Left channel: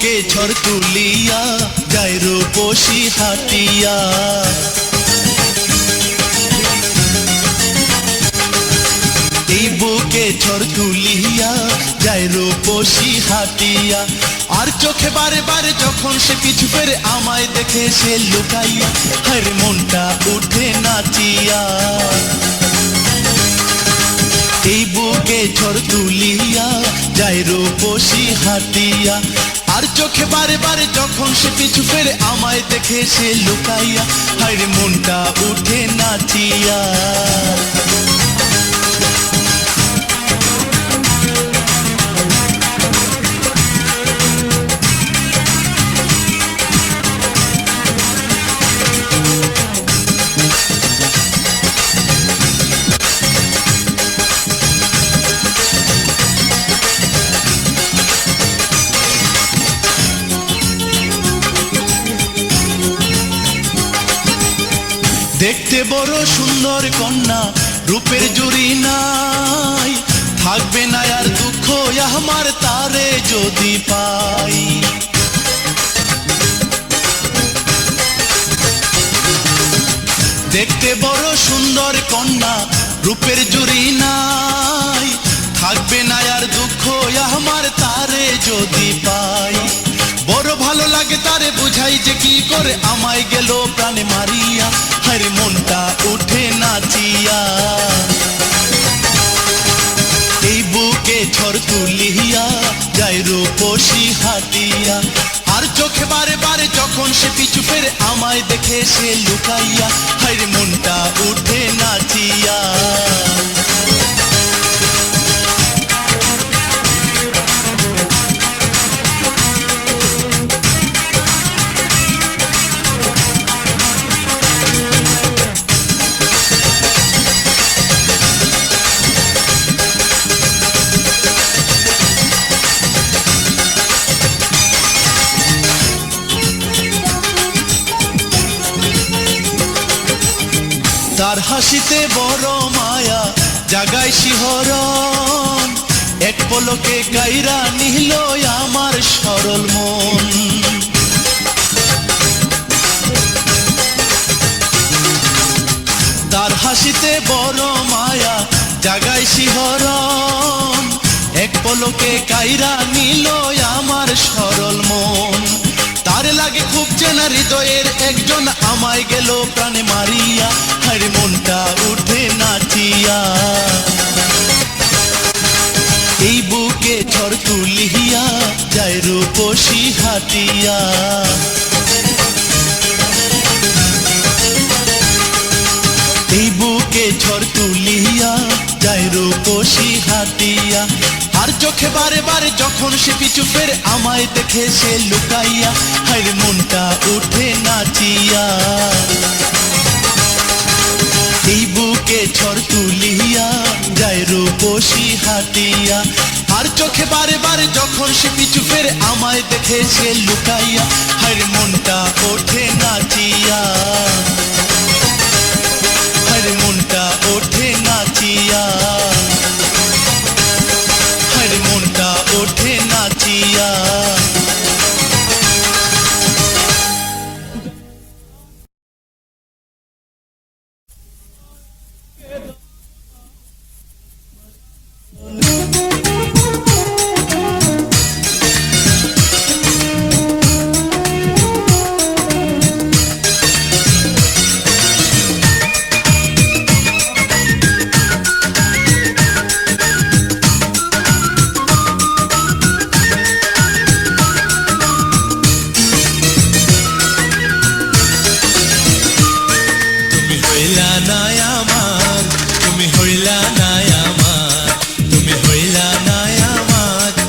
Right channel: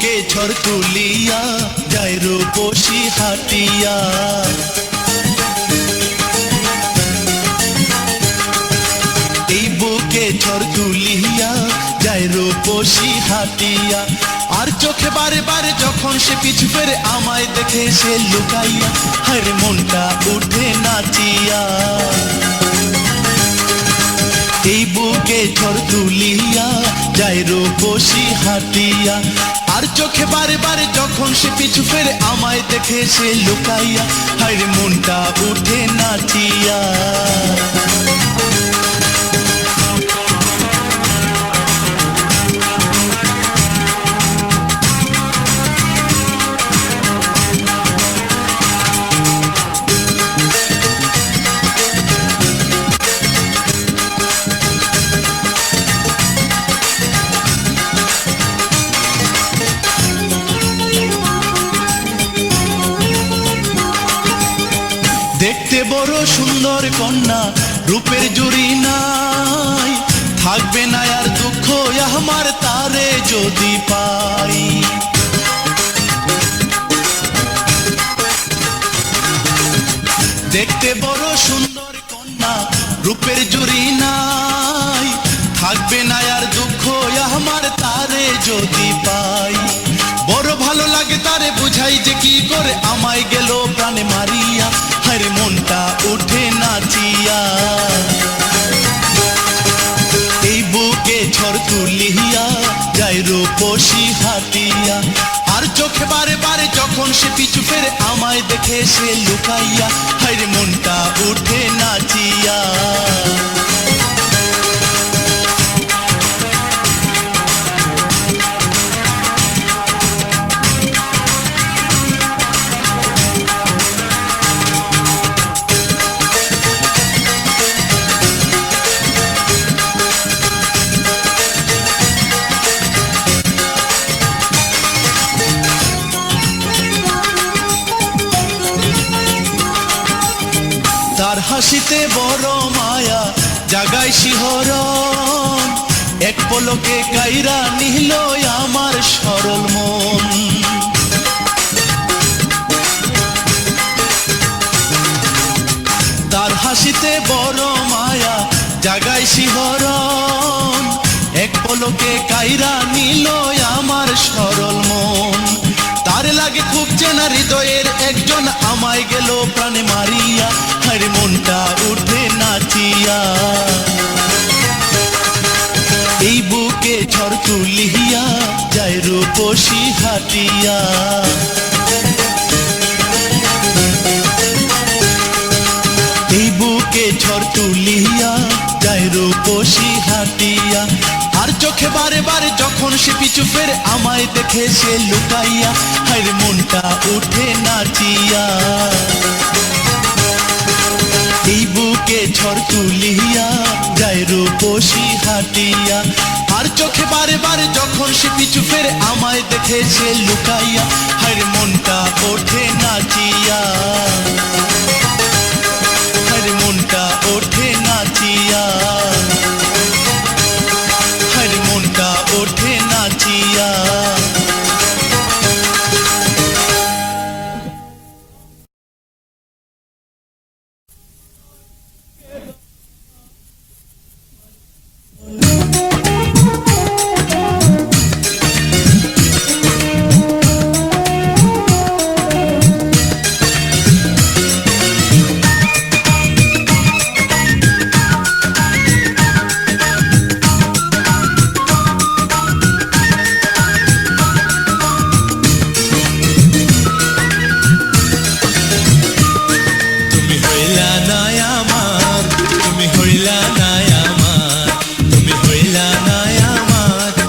বুকে ঝড় তুলিয়া যায় রূপসী হাটিয়া। এই বুকে ঝড় তুলিয়া যায় রূপসী হাটিয়া। আর চোখে বারে বারে যখন সে পিছু ফেরে আমায় দেখে সে লুকাইয়া, হায় মনটা উঠে নাচিয়া। এই বুকে ঝড় তুলিয়া যায় রূপসী হাটিয়া। আর চোখে বারে বারে যখন সে পিছু ফেরে আমায় দেখে সে লুকাইয়া, হায় মনটা উঠে নাচিয়া। দেখতে বড় সুন্দর কন্যা, রূপের জুড়ি নাই, থাকবে না আর দুঃখ আমার তারে যদি পাই। দেখতে বড় সুন্দর কন্যা, রূপের জুড়ি নাই, থাকবে না আর দুঃখ আমার তারে যদি পাই। বড় ভালো লাগে তারে বুঝাই যে কি করে আমায় গেল প্রাণে মারিয়া, হায় মনটা উঠে নাচিয়া। এই বুকে ঝড় তুলিয়া যায় রূপসী হাটিয়া। আর চোখে বারে বারে যখন সে পিছু ফেরে আমায় দেখে সে লুকাইয়া, হায় মনটা উঠে নাচিয়া। তার হাসিতে বড় মায়া জাগায় শিহরণ, এক পলকে কাইরা নিল আমার সরল মন। তার হাসিতে বড় মায়া জাগায় শিহরণ, এক পলকে কাইরা নিল আমার সরল মন। তারে লাগে খুব চেনা হৃদয়ের একজন আমায় গেল প্রাণে মারিয়া, হায় মনটা উঠে নাচিয়া। এই বুকে ঝড় তুলিয়া যায় রূপসী হাটিয়া। এই বুকে ঝড় তুলিয়া যায় রূপসী হাটিয়া। আর চোখে বারে বারে যখন সে পিছু ফেরে আমায় দেখে সে লুকাইয়া, হায় মনটা উঠে নাচিয়া। এই বুকে ঝড় তুলিয়া যায় রূপসী হাটিয়া। আর চোখে বারে বারে যখন সে পিছু ফেরে আমায় দেখে সে লুকাইয়া, হায় মনটা ওঠে নাচিয়া। হায় মনটা ওঠে নাচিয়া, হায় মনটা ওঠে নাচিয়া।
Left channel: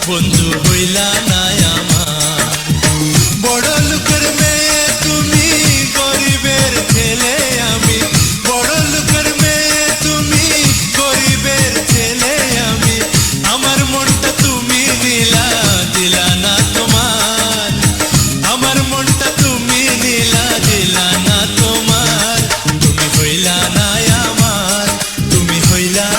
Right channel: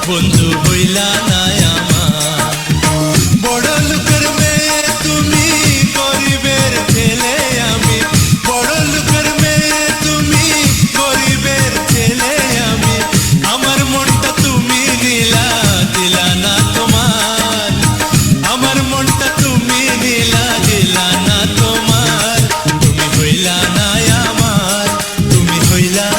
বন্ধু হইলা নাই আমার, বড় লোকের মেয়ে তুমি গরিবের ছেলে আমি, বড় লোকের মেয়ে তুমি গরিবের ছেলে আমি। আমার মনটা তুমি নিলা দিলা না তোমার, আমার মনটা তুমি নিলা দিলা না তোমার। তুমি হইলা নাই আমার, তুমি হইলা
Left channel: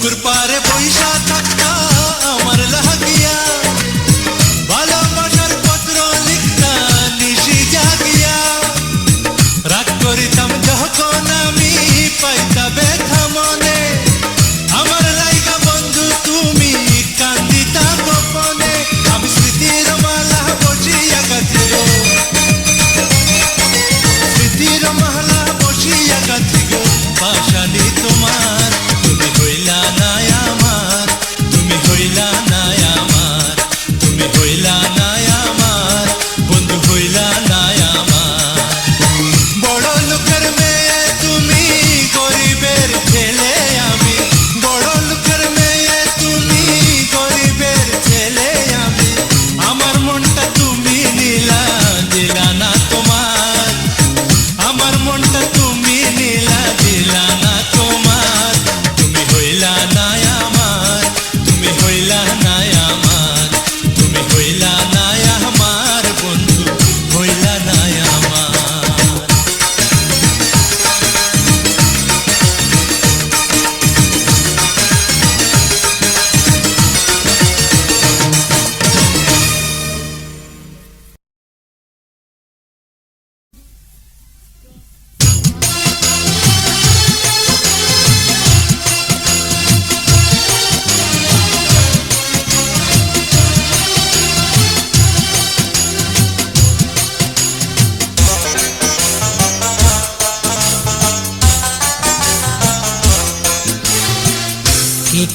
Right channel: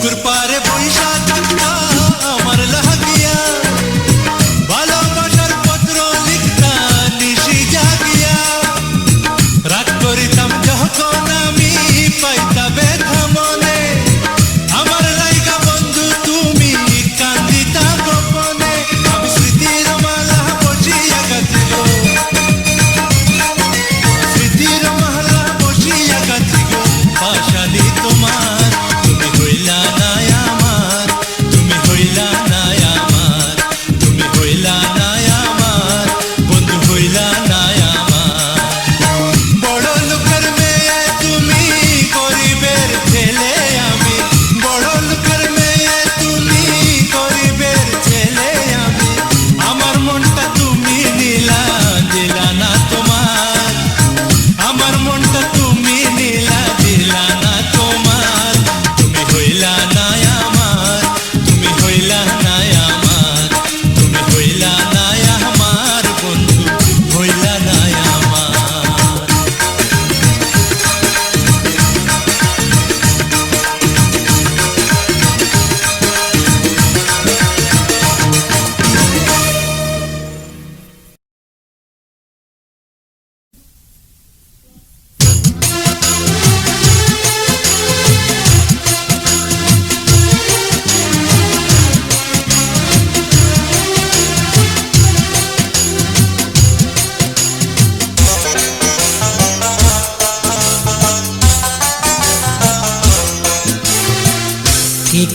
পুকুর পারে বৈশা থাকতা আমার লাগিয়া, ভালোবাসার পত্র লিখতা নিশি জাগিয়া। রাগ করিতাম যখন আমি পাইতা ব্যথা মনে, আমার লাইগা বন্ধু তুমি কান্দিতা গোপনে। আমি স্মৃতির মালা বসিয়া গাছি গো, স্মৃতির মালা বসিয়া গাছি গো, পাশালি তোমার তুমি হইলা না আমার, তুমি হইলা না আমার, তুমি হইলা না আমার, বন্ধু হইলা না আমার। বড় লোকের মেয়ে তুমি গরিবের ছেলে আমি, বড় লোকের মেয়ে তুমি গরিবের ছেলে আমি। আমার মনটা তুমি নিলা দিলা না তোমার, আমার মনটা তুমি নিলা দিলা না তোমার। তুমি হইলা না আমার, তুমি হইলা না আমার, তুমি হইলা না আমার, বন্ধু হইলা না আমার।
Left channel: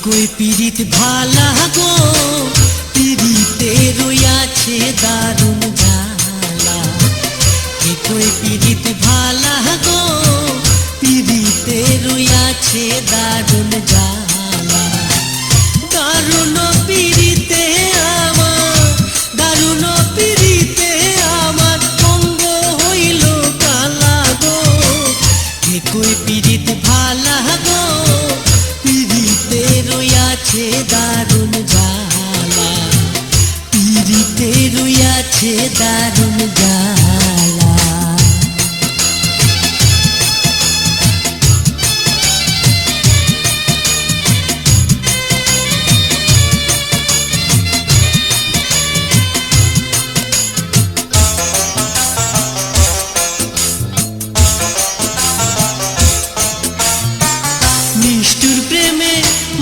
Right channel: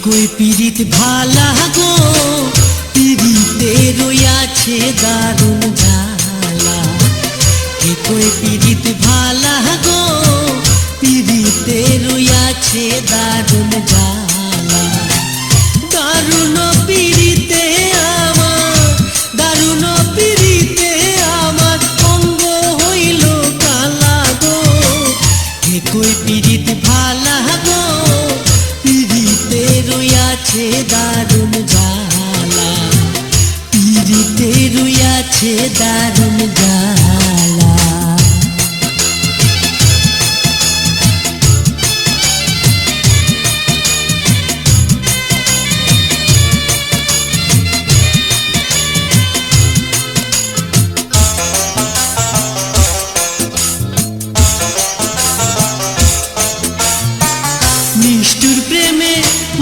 কই পীড়িত ভালা গো, পীড়িতে রইয়াছে দারুণ জ্বালা। কই পীড়িত ভালা গো, পীড়িতে রইয়াছে দারুণ জ্বালা। দারুণ পীড়িতে আমার, দারুণ পীড়িতে আমার অঙ্গ হইল কালা গো। কই পীড়িত ভালা গো, পীড়িতে রইয়াছে দারুণ জ্বালা, পীড়িতে রইয়াছে দারুণ জ্বালা। নিষ্ঠুর প্রেমে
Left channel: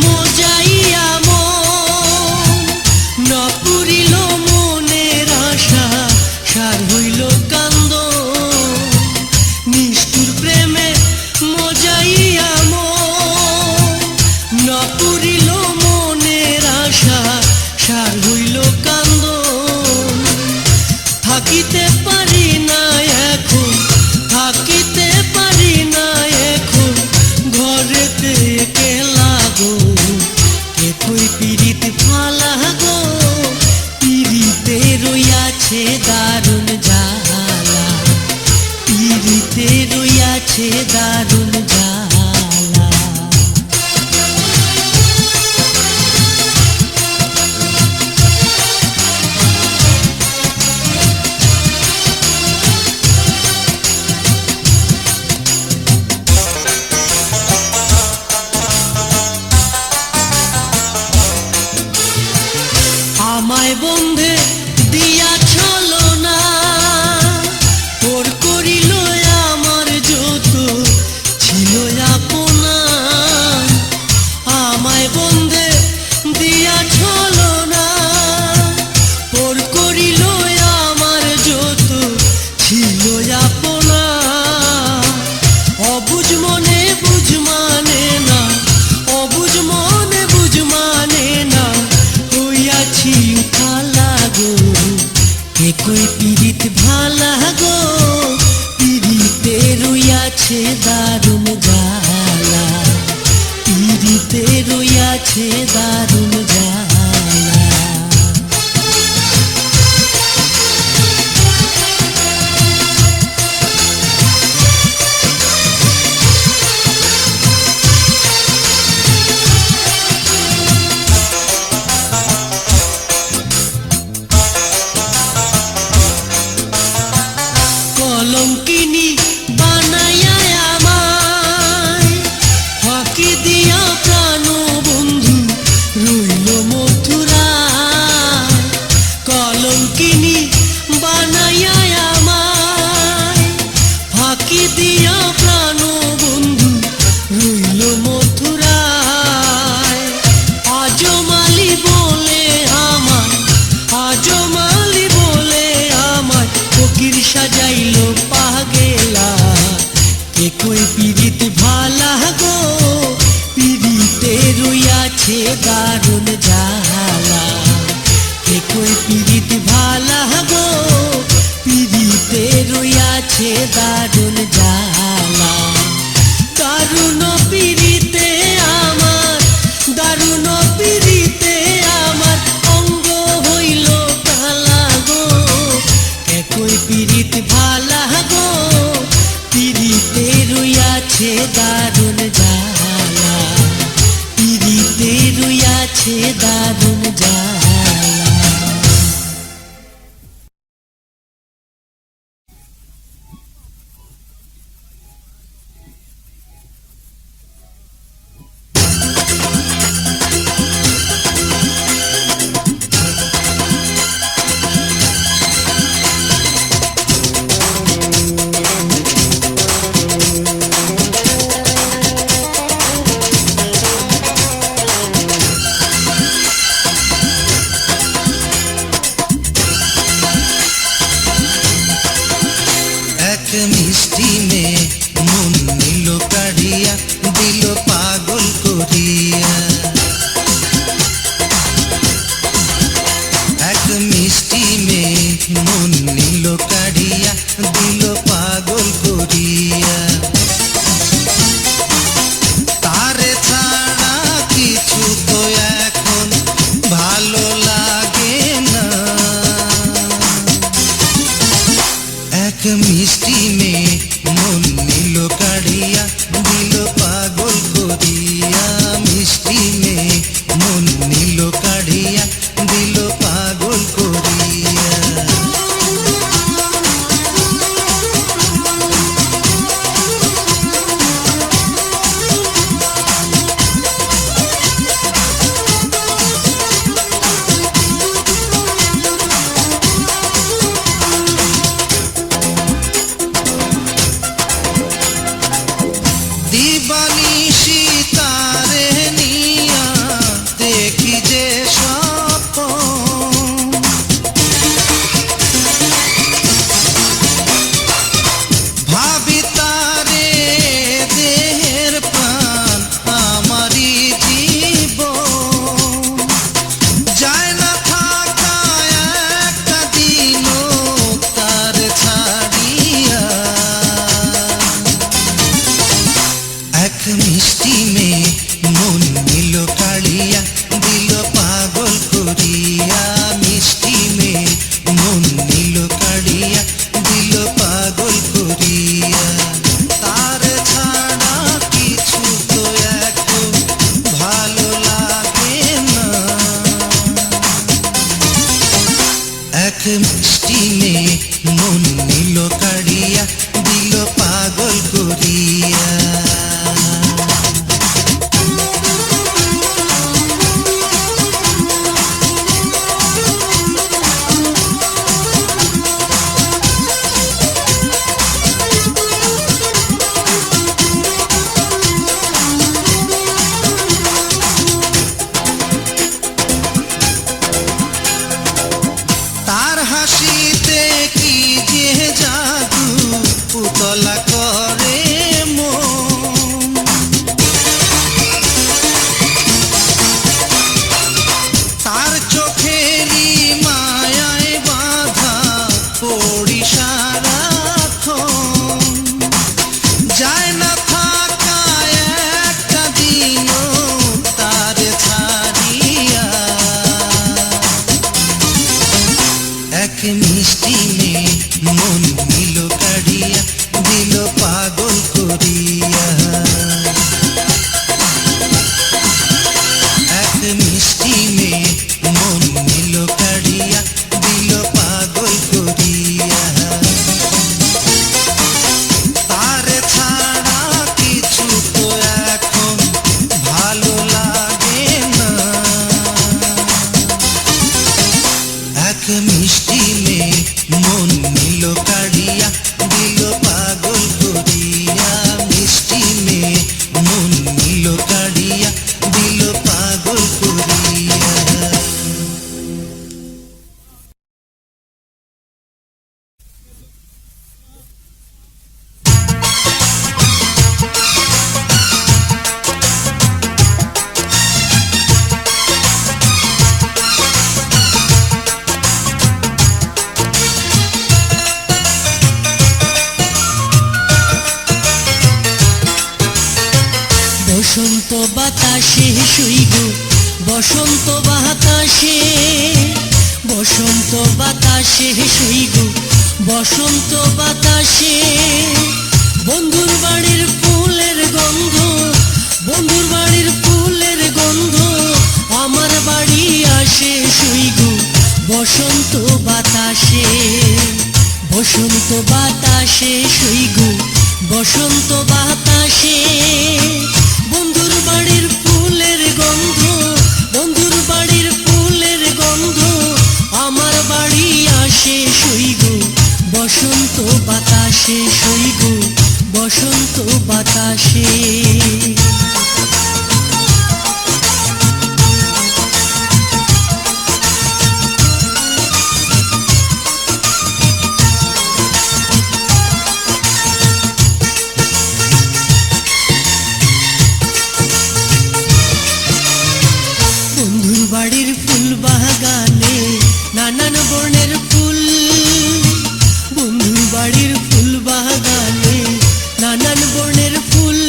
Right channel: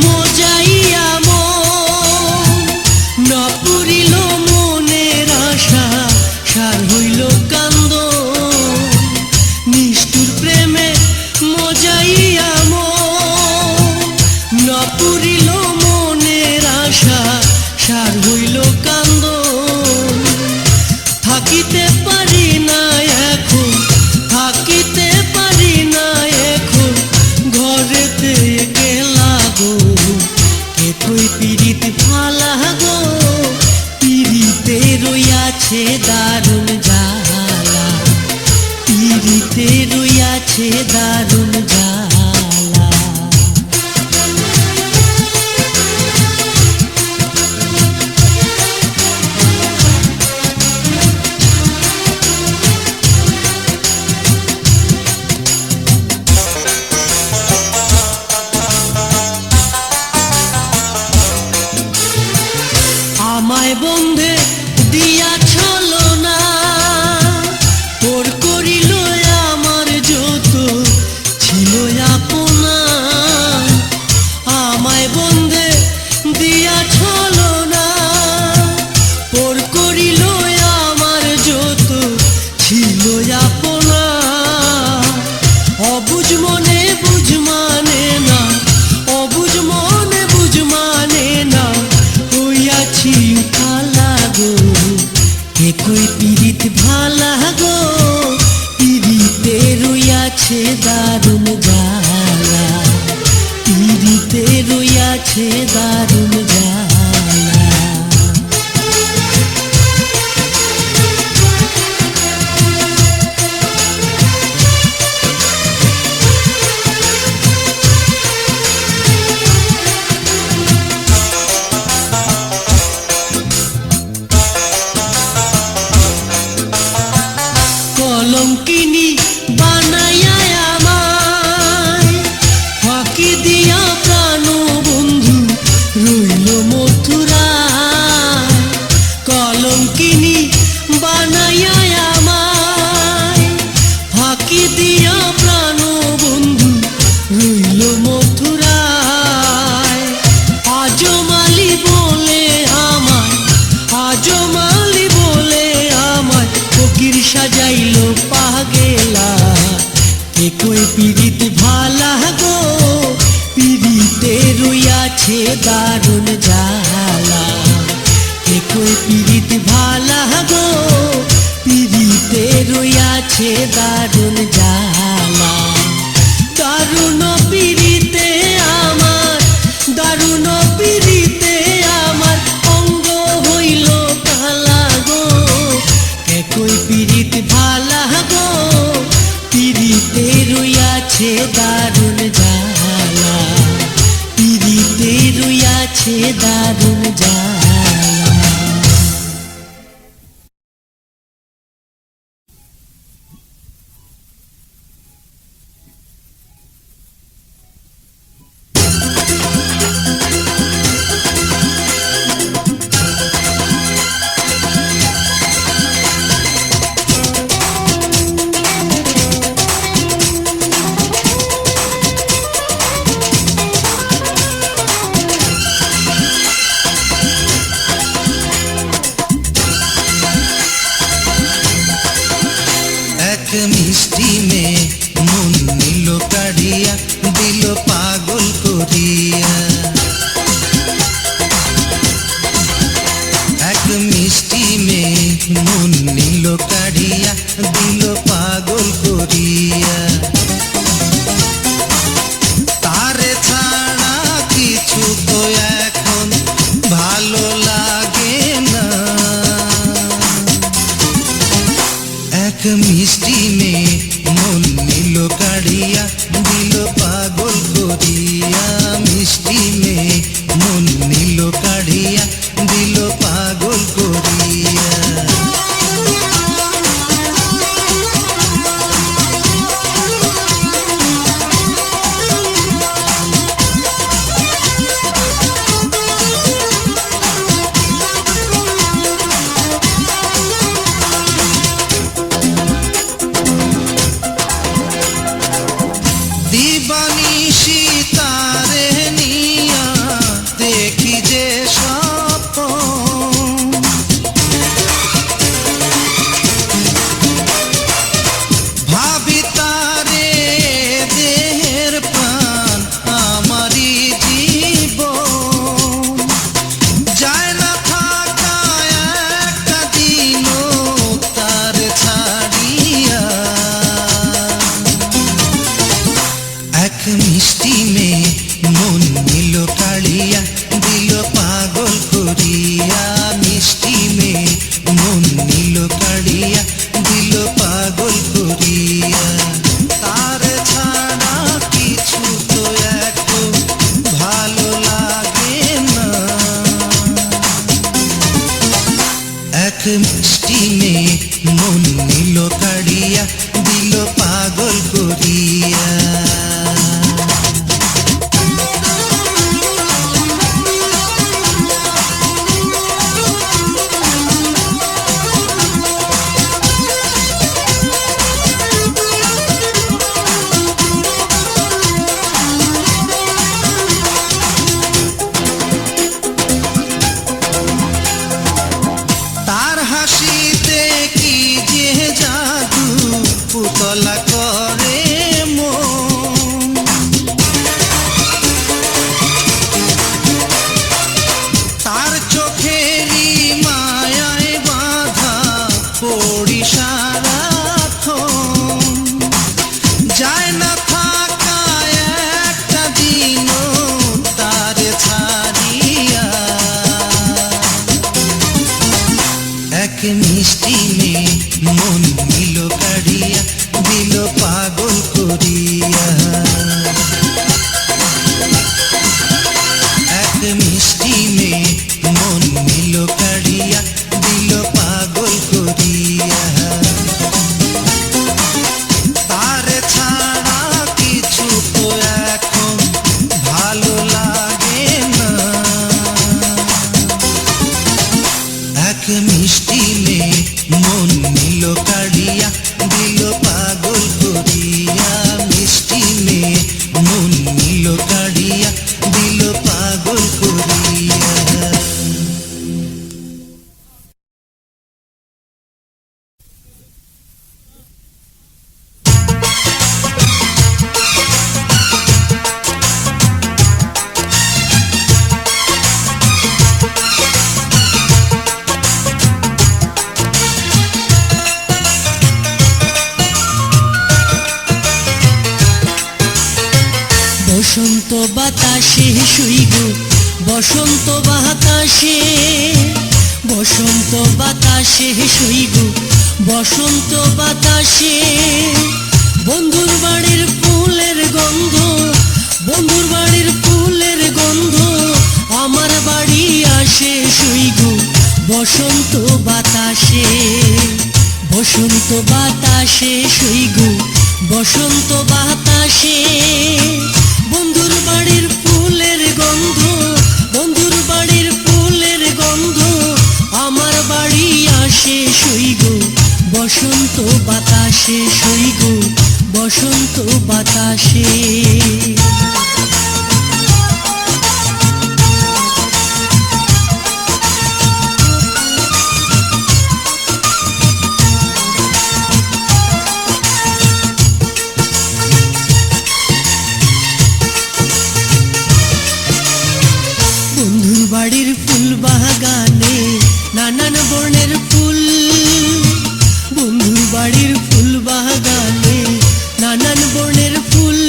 মজাইয়া মন, না পুরিল মনের আশা, সার হইল কান্দন। নিষ্ঠুর প্রেমে মজাইয়া মন, না পুরিল মনের আশা, সার হইল কান্দন। থাকিতে পারি না এখন, থাকিতে পারি না এখন, ঘরেতে একলা গো। কই পীড়িত ভালা গো, পীড়িতে রইয়াছে দারুণ জ্বালা, পীড়িতে রইয়াছে দারুণ জ্বালা। আমায় বন্ধে দিয়া ছলো না, ওর করিল আমার যত ছিল আপনা। আমায় বন্ধে দিয়া ছলো না, ওর করিল আমার যত ছিল আপনা। অবুঝ মনে বুঝ মানে না, অবুঝ মনে বুঝ মানে না, হইয়াছি উঠালা গো। কই পীড়িত ভালা গো, পীড়িতে রইয়াছে দারুণ জ্বালা, পীড়িতে রইয়াছে দারুণ জ্বালা। কলঙ্কিনী বানাইয়া আমায় ফাঁকি দিয়া প্রাণ একই পিরিত ভালা গো পিরিতে রইয়াছে দারুণ জ্বালা একই পিরিত ভালা গো পিরিতে রইয়াছে দারুণ জ্বালা দারুণ পিরিতে আমার দারুণ পিরিতে আমার অঙ্গ হইল কালা গো একই পিরিত ভালা গো পিরিতে রইয়াছে দারুণ জ্বালা পিরিতে রইয়াছে দারুণ জ্বালা মিষ্টি মেয়ে মন নিল কাড়িয়া দিল পাগল করিয়া এক মিষ্টি মেয়ে মন নিল কাড়িয়া দিল পাগল করিয়া তারে ছাড়া কিছু তো এখন ভালো লাগে না এক মিষ্টি মেয়ে মন নিল কাড়িয়া দিল পাগল করিয়া মিষ্টি মেয়ে মন নিল কাড়িয়া দিল পাগল করিয়া দিবানিশি তারে নিয়া দেখি যে স্বপ্ন ভাবি তারে দেহের প্রাণ আমারই জীবন যায় না থাকা একটা দিনও তার ছাড়িয়া এক মিষ্টি মেয়ে মন নিল কাড়িয়া দিল পাগল করিয়া মিষ্টি মেয়ে মন নিল কাড়িয়া দিল পাগল করিয়া তার ছাড়া কিছু তো এখন ভালো লাগে না এক মিষ্টি মেয়ে মন নিল কাড়িয়া দিল পাগল করিয়া তার হাসিতে কি যে জাদু পুতলা করে মন তার চোখেরই মায়ায় বাঁধা পড়ি সারাক্ষণ যায় না থাকা একটা দিনও তার ছাড়িয়া এক মিষ্টি মেয়ে মন নিল কাড়িয়া দিল পাগল করিয়া এক মিষ্টি মেয়ে মন নিল কাড়িয়া দিল পাগল করিয়া তার ছাড়া কিছু তো এখন ভালো লাগে না এক মিষ্টি মেয়ে মন নিল কাড়িয়া দিল পাগল করিয়া বসন্ত বাতাসে শুইব বসন্ত বাতাসে, বসন্ত বাতাসে শুইব বসন্ত বাতাসে। বন্ধুর বাড়ির ফুলের গন্ধ, বন্ধুর বাড়ির ফুলের গন্ধ আমার বাড়ি আসে শুইব বসন্ত বাতাসে, বসন্ত বাতাসে শুইব বসন্ত বাতাসে। বন্ধুর বাড়ির ফুলের গন্ধ, বন্ধুর বাড়ির ফুলের গন্ধ আমার বাড়ি আসে শুইব বসন্ত বাতাসে, শুইব বসন্ত বাতাসে। বাড়ির ফুল বাগানে নানান বর্ণের ফুল, বন্ধুর বাড়ির ফুল বাগানে নানান বর্ণের ফুল।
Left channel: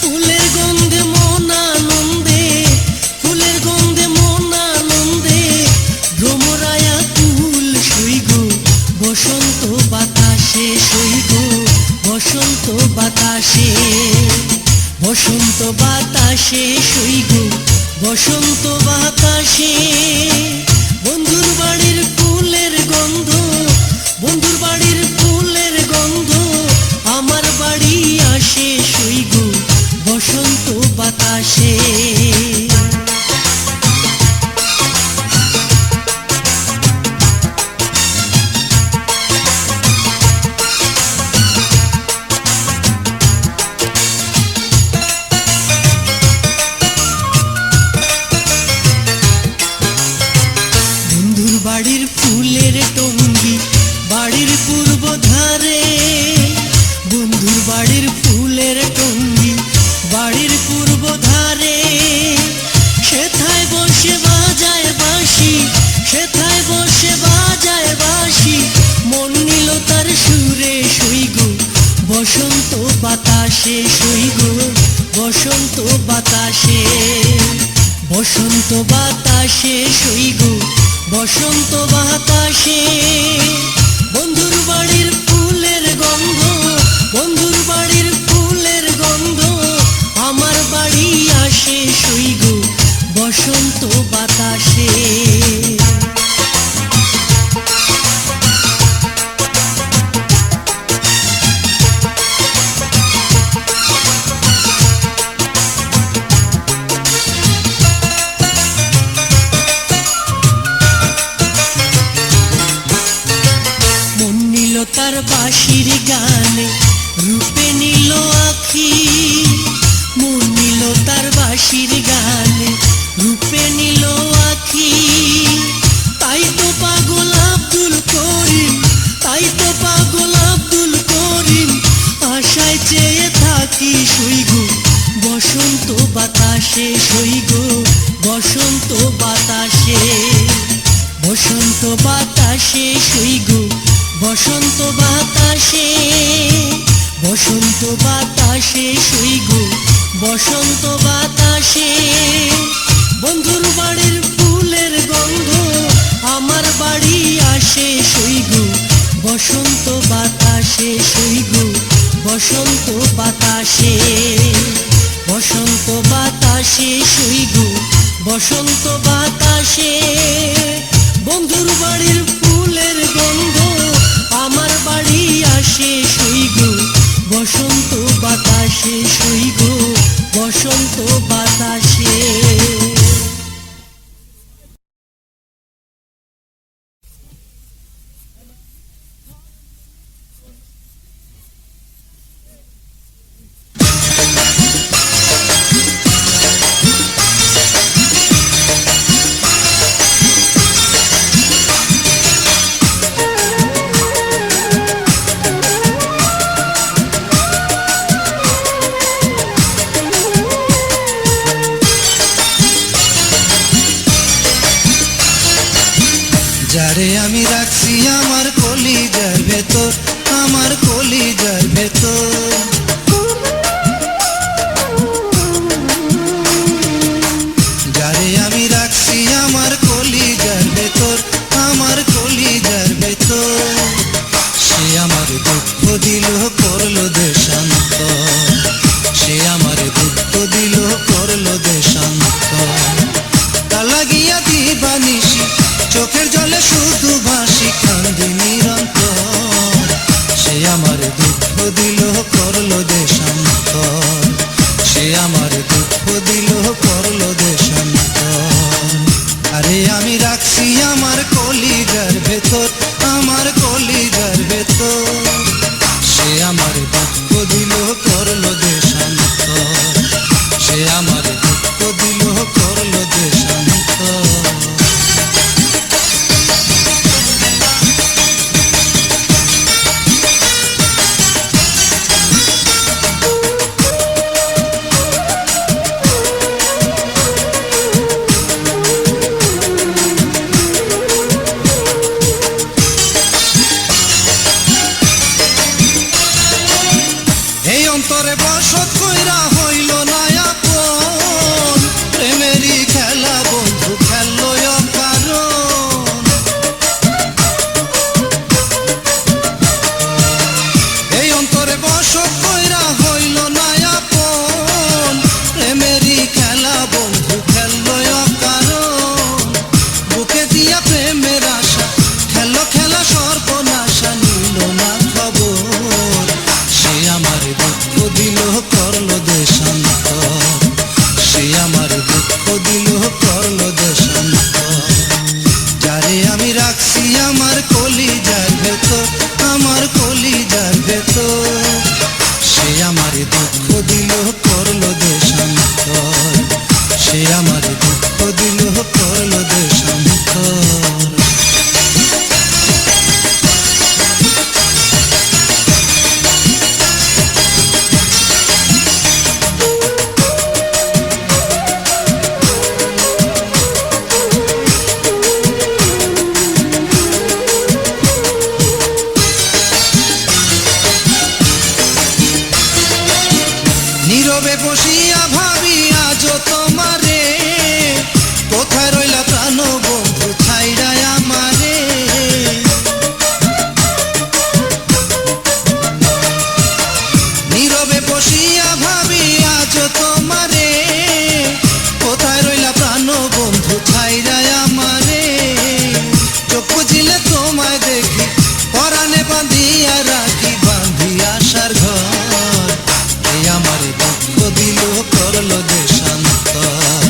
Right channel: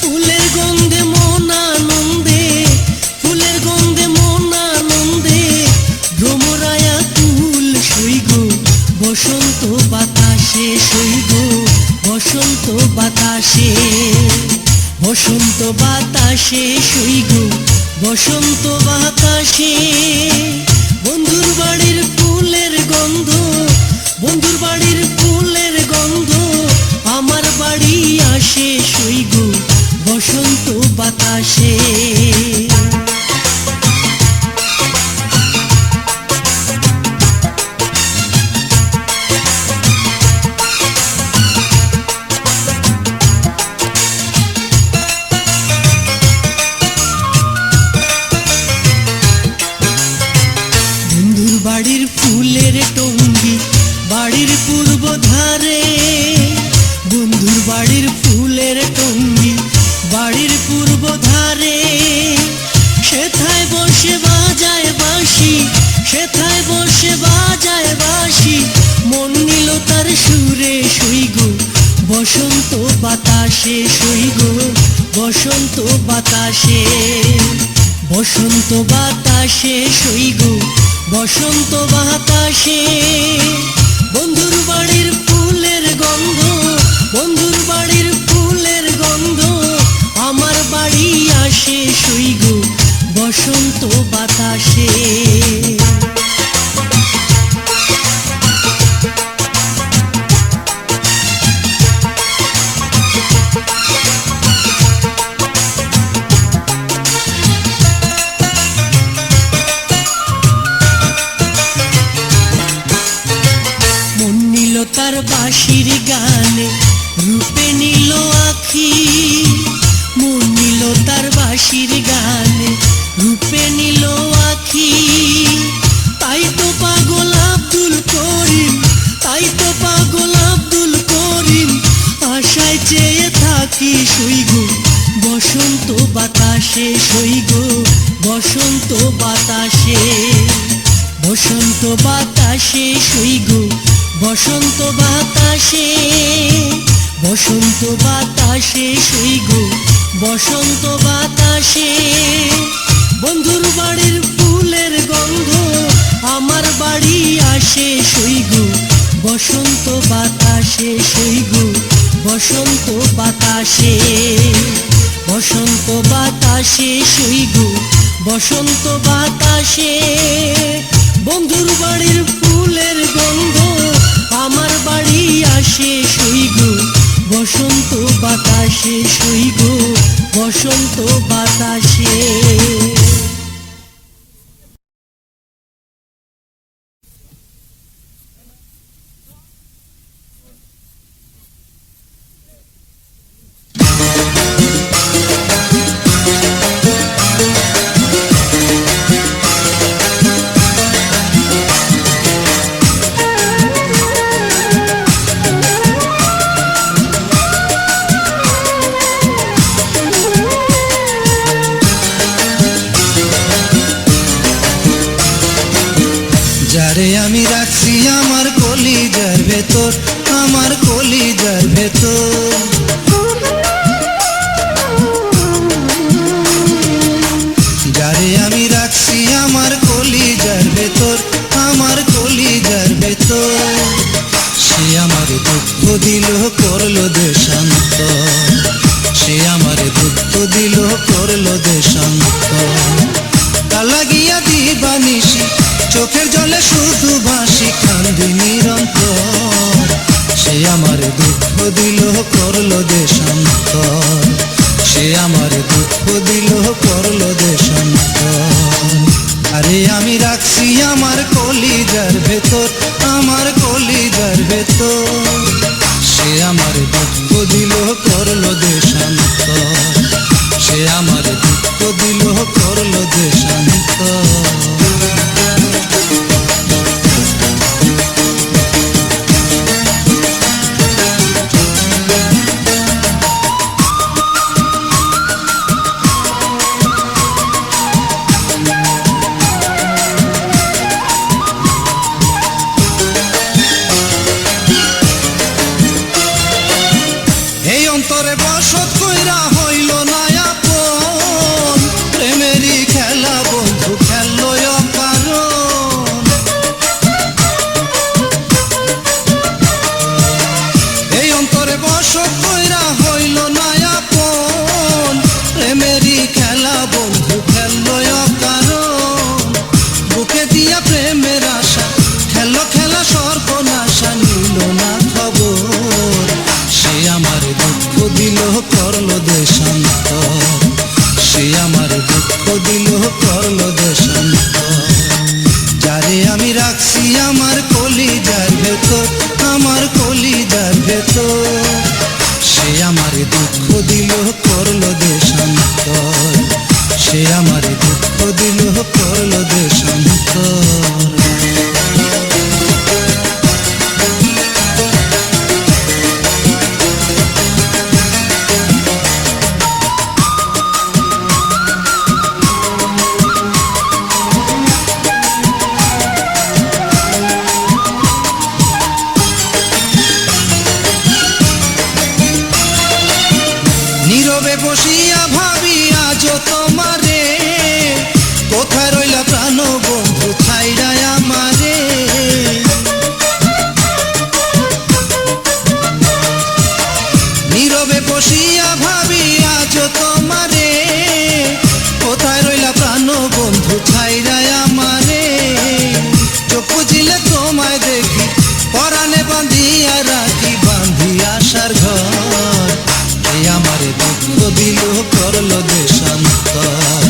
ফুলের গন্ধে মন আনন্দে, ফুলের গন্ধে মন আনন্দে ভ্রমরায়া কুল শুইব বসন্ত বাতাসে, শুইব বসন্ত বাতাসে, বসন্ত বাতাসে শুইব বসন্ত বাতাসে। বন্ধুর বাড়ির ফুলের গন্ধ, বন্ধুর বাড়ির ফুলের গন্ধ আমার বাড়ি আসে শুইব বসন্ত বাতাসে। বাড়ির ফুলের টঙ্গি বাড়ির পূর্ব ধারে, বন্ধুর বাড়ির ফুলের টঙ্গি বাড়ির পূর্ব ধারে। সেথায় বসে বাজায় বাঁশি, সেথায় বসে বাজায় বাঁশি মন নিল তার সুরে শুইব বসন্ত বাতাসে, শুইব বসন্ত বাতাসে, বসন্ত বাতাসে শুইব বসন্ত বাতাসে। বন্ধুর বাড়ির ফুলের গন্ধ, বন্ধুর বাড়ির ফুলের গন্ধ আমার বাড়ি আসে শুইব বসন্ত বাতাসে। তার বাঁশির গানে রূপে নিল আখি, মন নিল তার বাঁশির গানে রূপে নিল আখি। তাই তো পাগল আব্দুল করিম, তাই তো পাগল আব্দুল করিম আশায় চেয়ে থাকি শুইব বসন্ত বাতাসে, শুইব বসন্ত বাতাসে, বসন্ত বাতাসে শুইব বসন্ত বাতাসে, বসন্ত বাতাসে শুইব বসন্ত বাতাসে। বন্ধুর বাড়ির ফুলের গন্ধ আমার বাড়ি আসে শুইব বসন্ত বাতাসে, শুইব বসন্ত বাতাসে, বসন্ত বাতাসে শুইব বসন্ত বাতাসে। বন্ধুর বাড়ির ফুলের গন্ধ আমার বাড়ি আসে শুইব বসন্ত বাতাসে, শুইব বসন্ত বাতাসে। যারে আমি রাখছি আমার কলিজার ভেতর, আমার কলিজার ভেতর। করলো দেশান্তর, সে আমার দুঃখ দিল করলো দেশান্তর। এই অন্তরে বসত কইরা হইল না আপন, প্রেমেরই খেলা বন্ধু খেললো অকারণ। এই অন্তরে বসত কইরা হইল না আপন, প্রেমেরই খেলা বন্ধু খেললো অকারণ। বুকে দিয়া প্রেমের আশা খেলো খেলা সর্বনাশা, নিল না খবর, সে আমার দুঃখ দিল করলো দেশান্তর, সে আমার দুঃখ দিল করলো দেশান্তর। যারে আমি রাখছি আমার কলিজার ভেতর, আমার কলিজার ভেতর, সে আমার দুঃখ দিল করলো দেশান্তর, সে আমার দুঃখ দিল করলো দেশান্তর। নীরবে বসিয়া ভাবি আজ তোমারে, কোথায় রইলা প্রাণ বন্ধু ছাইড়া আমারে। নীরবে বসিয়া ভাবি আজ তোমারে, কোথায় রইলা প্রাণ বন্ধু ছাইড়া আমারে। চোখ বুঝিলে তোমায় দেখি, পরাণে বাঁধিয়া রাখি, বাঁধি আশার ঘর, সে আমার দুঃখ দিল করলো দেশান্তর,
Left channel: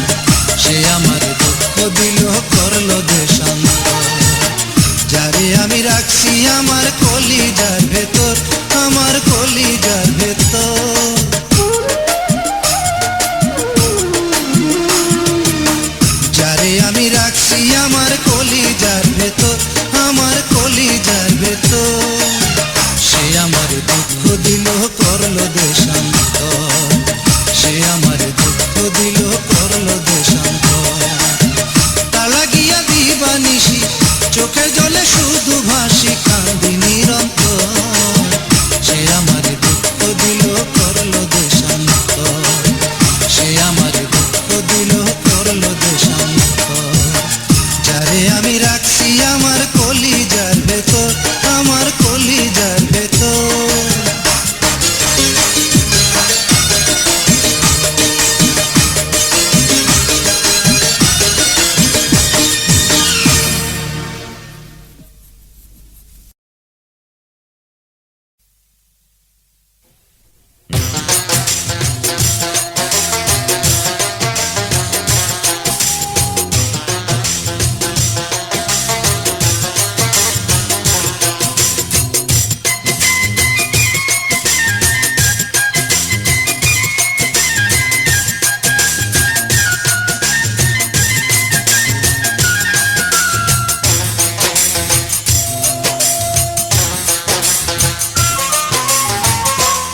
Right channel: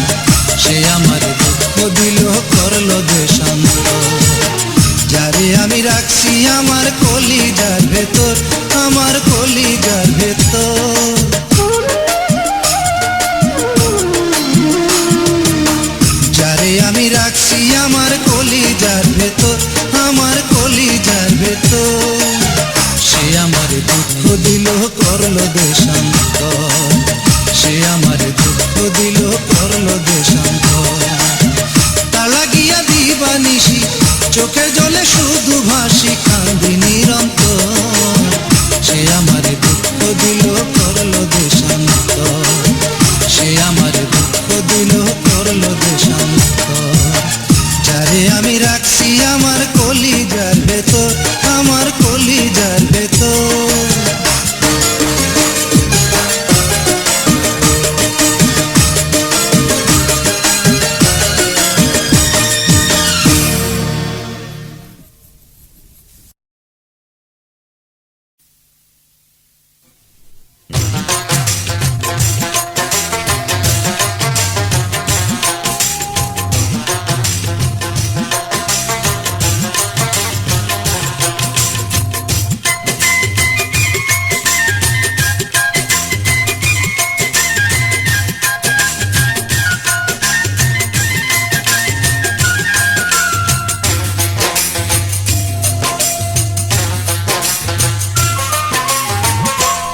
সে আমার দুঃখ দিল করলো দেশান্তর। যারে আমি রাখছি আমার কলিজার ভেতর, আমার কলিজার ভেতর। যারে আমি রাখছি আমার কলিজার ভেতর, আমার কলিজার ভেতর, সে আমার দুঃখ দিল করলো দেশান্তর, সে আমার দুঃখ দিল করলো দেশান্তর। তালা গিয়া দিবানিশি চোখে জলে শুধু ভাসি, কান্দি নিরন্তর, সে আমার দুঃখ দিল করলো দেশান্তর, সে আমার দুঃখ দিল করলো দেশান্তর। যারে আমি রাখছি আমার কলিজার ভেতর, আমার কলিজার ভেতর।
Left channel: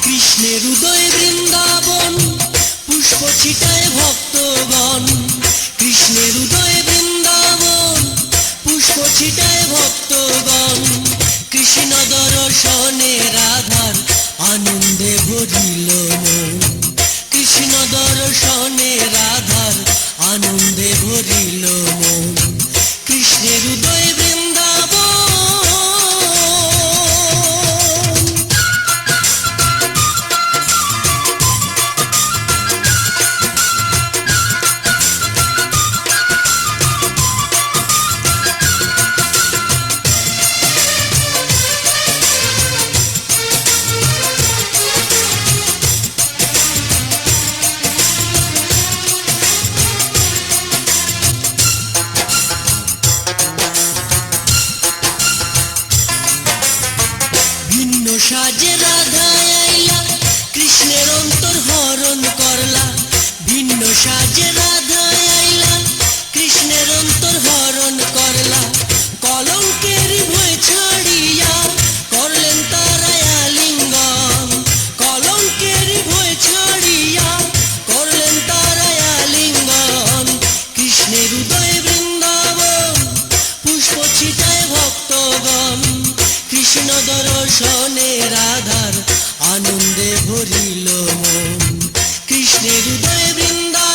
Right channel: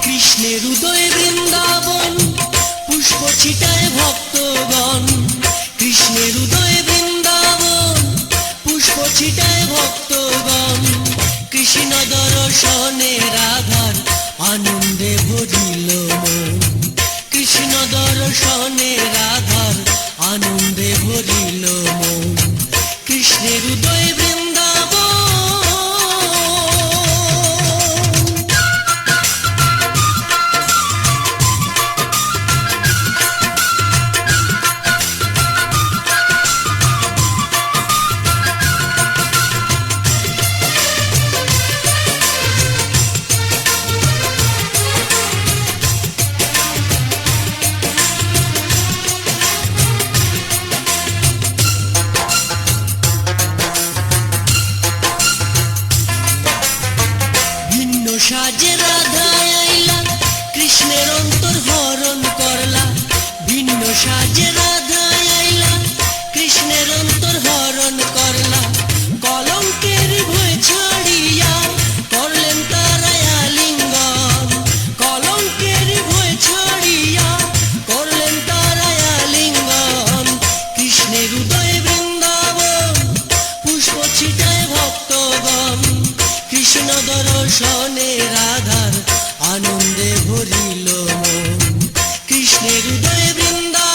কৃষ্ণের উদয় বৃন্দাবন, পুষ্প ছিটায় ভক্তগণ। কৃষ্ণের উদয় বৃন্দাবন, পুষ্প ছিটায় ভক্তগণ। কৃষ্ণ দর্শনে রাধার আনন্দে ভরিল মন, কৃষ্ণ দর্শনে রাধার আনন্দে ভরিল মন। কৃষ্ণের উদয় বৃন্দাবন। সাজে রাধা আইলা, কৃষ্ণের সাজে রাধা আইলা, কৃষ্ণের অন্তর হরণ করলা, কলঙ্কের ভয় ছাড়িয়া করলেন তারা আলিঙ্গন, কলঙ্কের ভয় ছাড়িয়া করলেন তারা আলিঙ্গন। কৃষ্ণের উদয় বৃন্দাবন, পুষ্প ছিটায় ভক্তগণ, কৃষ্ণ দর্শনে রাধার আনন্দে ভরিল মন। কৃষ্ণের উদয় বৃন্দাবন।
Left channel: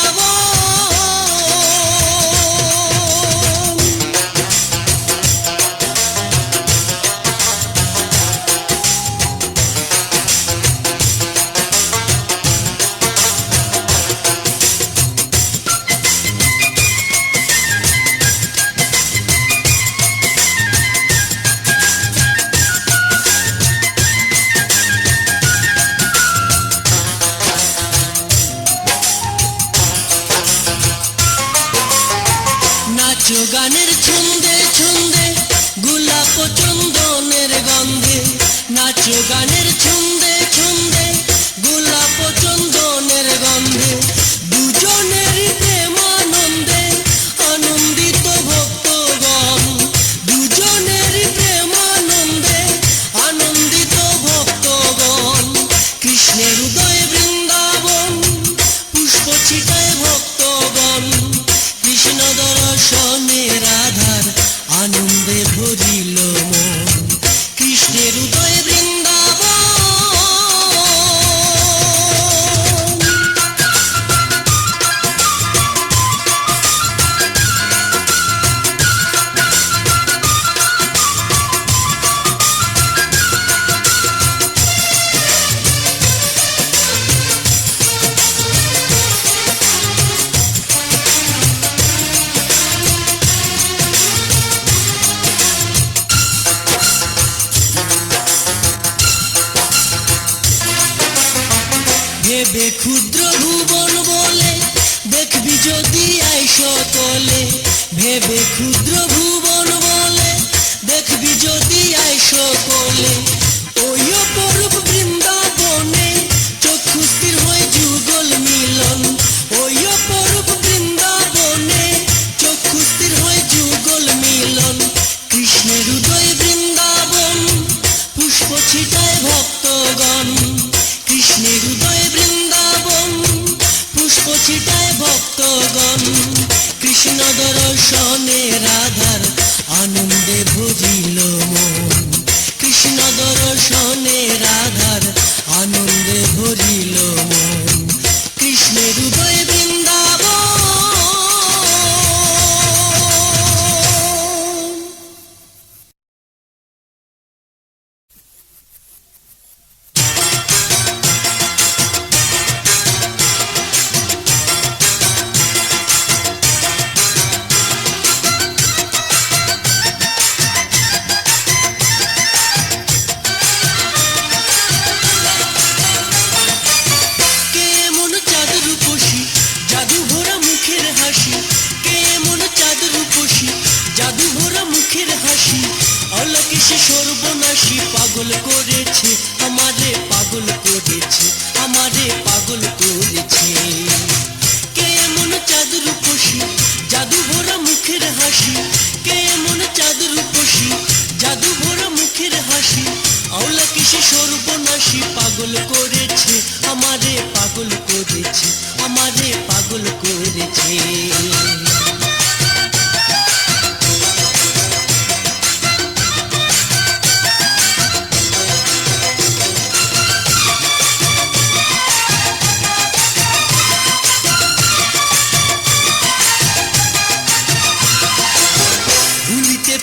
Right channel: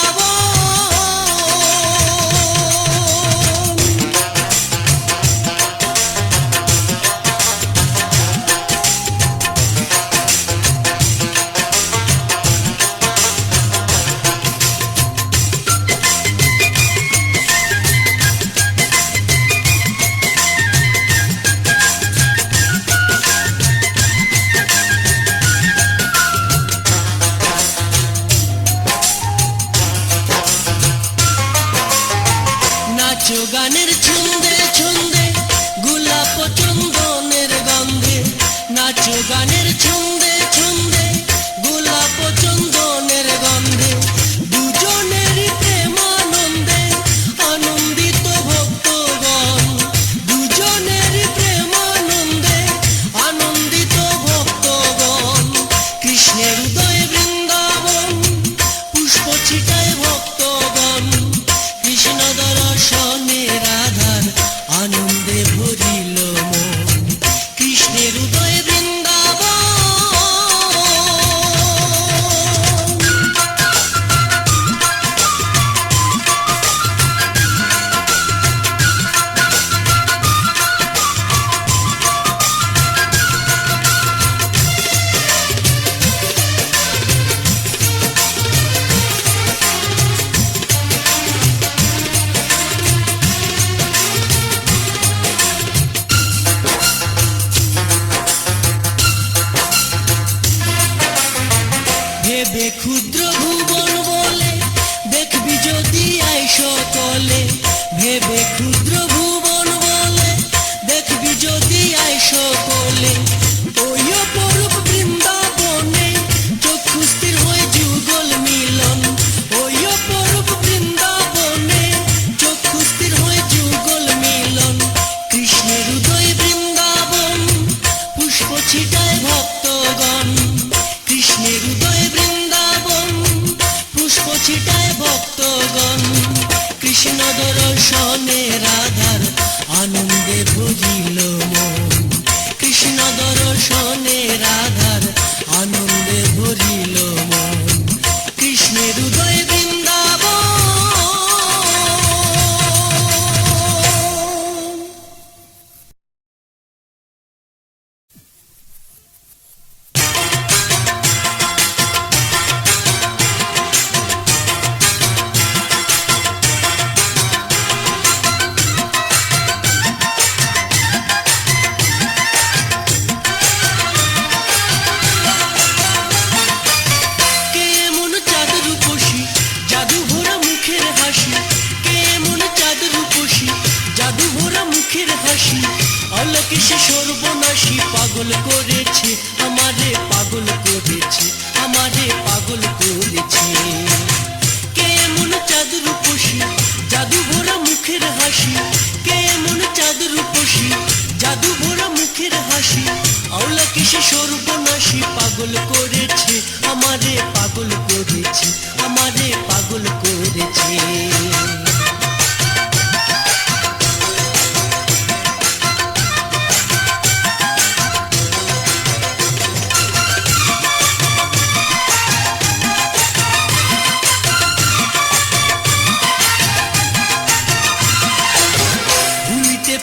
নাচো গানের ছন্দে ছন্দে, গোলাপ চন্দনের গন্ধে, নাচো গানের ছন্দে ছন্দে, গোলাপ চন্দনের গন্ধে, দুজনের প্রেমানন্দে আনন্দিত ভক্তগণ, দুজনের প্রেমানন্দে আনন্দিত ভক্তগণ। কৃষ্ণের উদয় বৃন্দাবন, পুষ্প ছিটায় ভক্তগণ, কৃষ্ণ দর্শনে রাধার আনন্দে ভরিল মন। কৃষ্ণের উদয় বৃন্দাবন। ভেবে ক্ষুদ্র ভুবন বলে দেখবি যদি আইস তলে, ভেবে ক্ষুদ্র ভুবন বলে দেখবি যদি আইস তলে, ওই অপরূপ বৃন্দাবনে চক্ষু স্থির হয়ে যুগল মিলন, ওই অপরূপ বৃন্দাবনে চক্ষু স্থির হয়ে যুগল মিলন। কৃষ্ণের উদয় বৃন্দাবন, পুষ্প ছিটায় ভক্তগণ, কৃষ্ণের উদয় বৃন্দাবন, পুষ্প ছিটায় ভক্তগণ, কৃষ্ণ দর্শনে রাধার আনন্দে ভরিল মন। কৃষ্ণ দর্শনে রাধার আনন্দে ভরিল মন। কৃষ্ণের উদয় বৃন্দাবন। জাদু ভরা মুখের হাসি, অলকে সে সর্বনাশী, পাগল করেছে আমারে, পাগল করেছে আমারে, পাগল করেছে। কেমন চাঁদ রূপসী, জাদু ভরা মুখের হাসি, কেমন চাঁদ রূপসী, জাদু ভরা মুখের হাসি, অলকে সে সর্বনাশী, পাগল করেছে আমারে, পাগল করেছে আমারে, পাগল করেছে।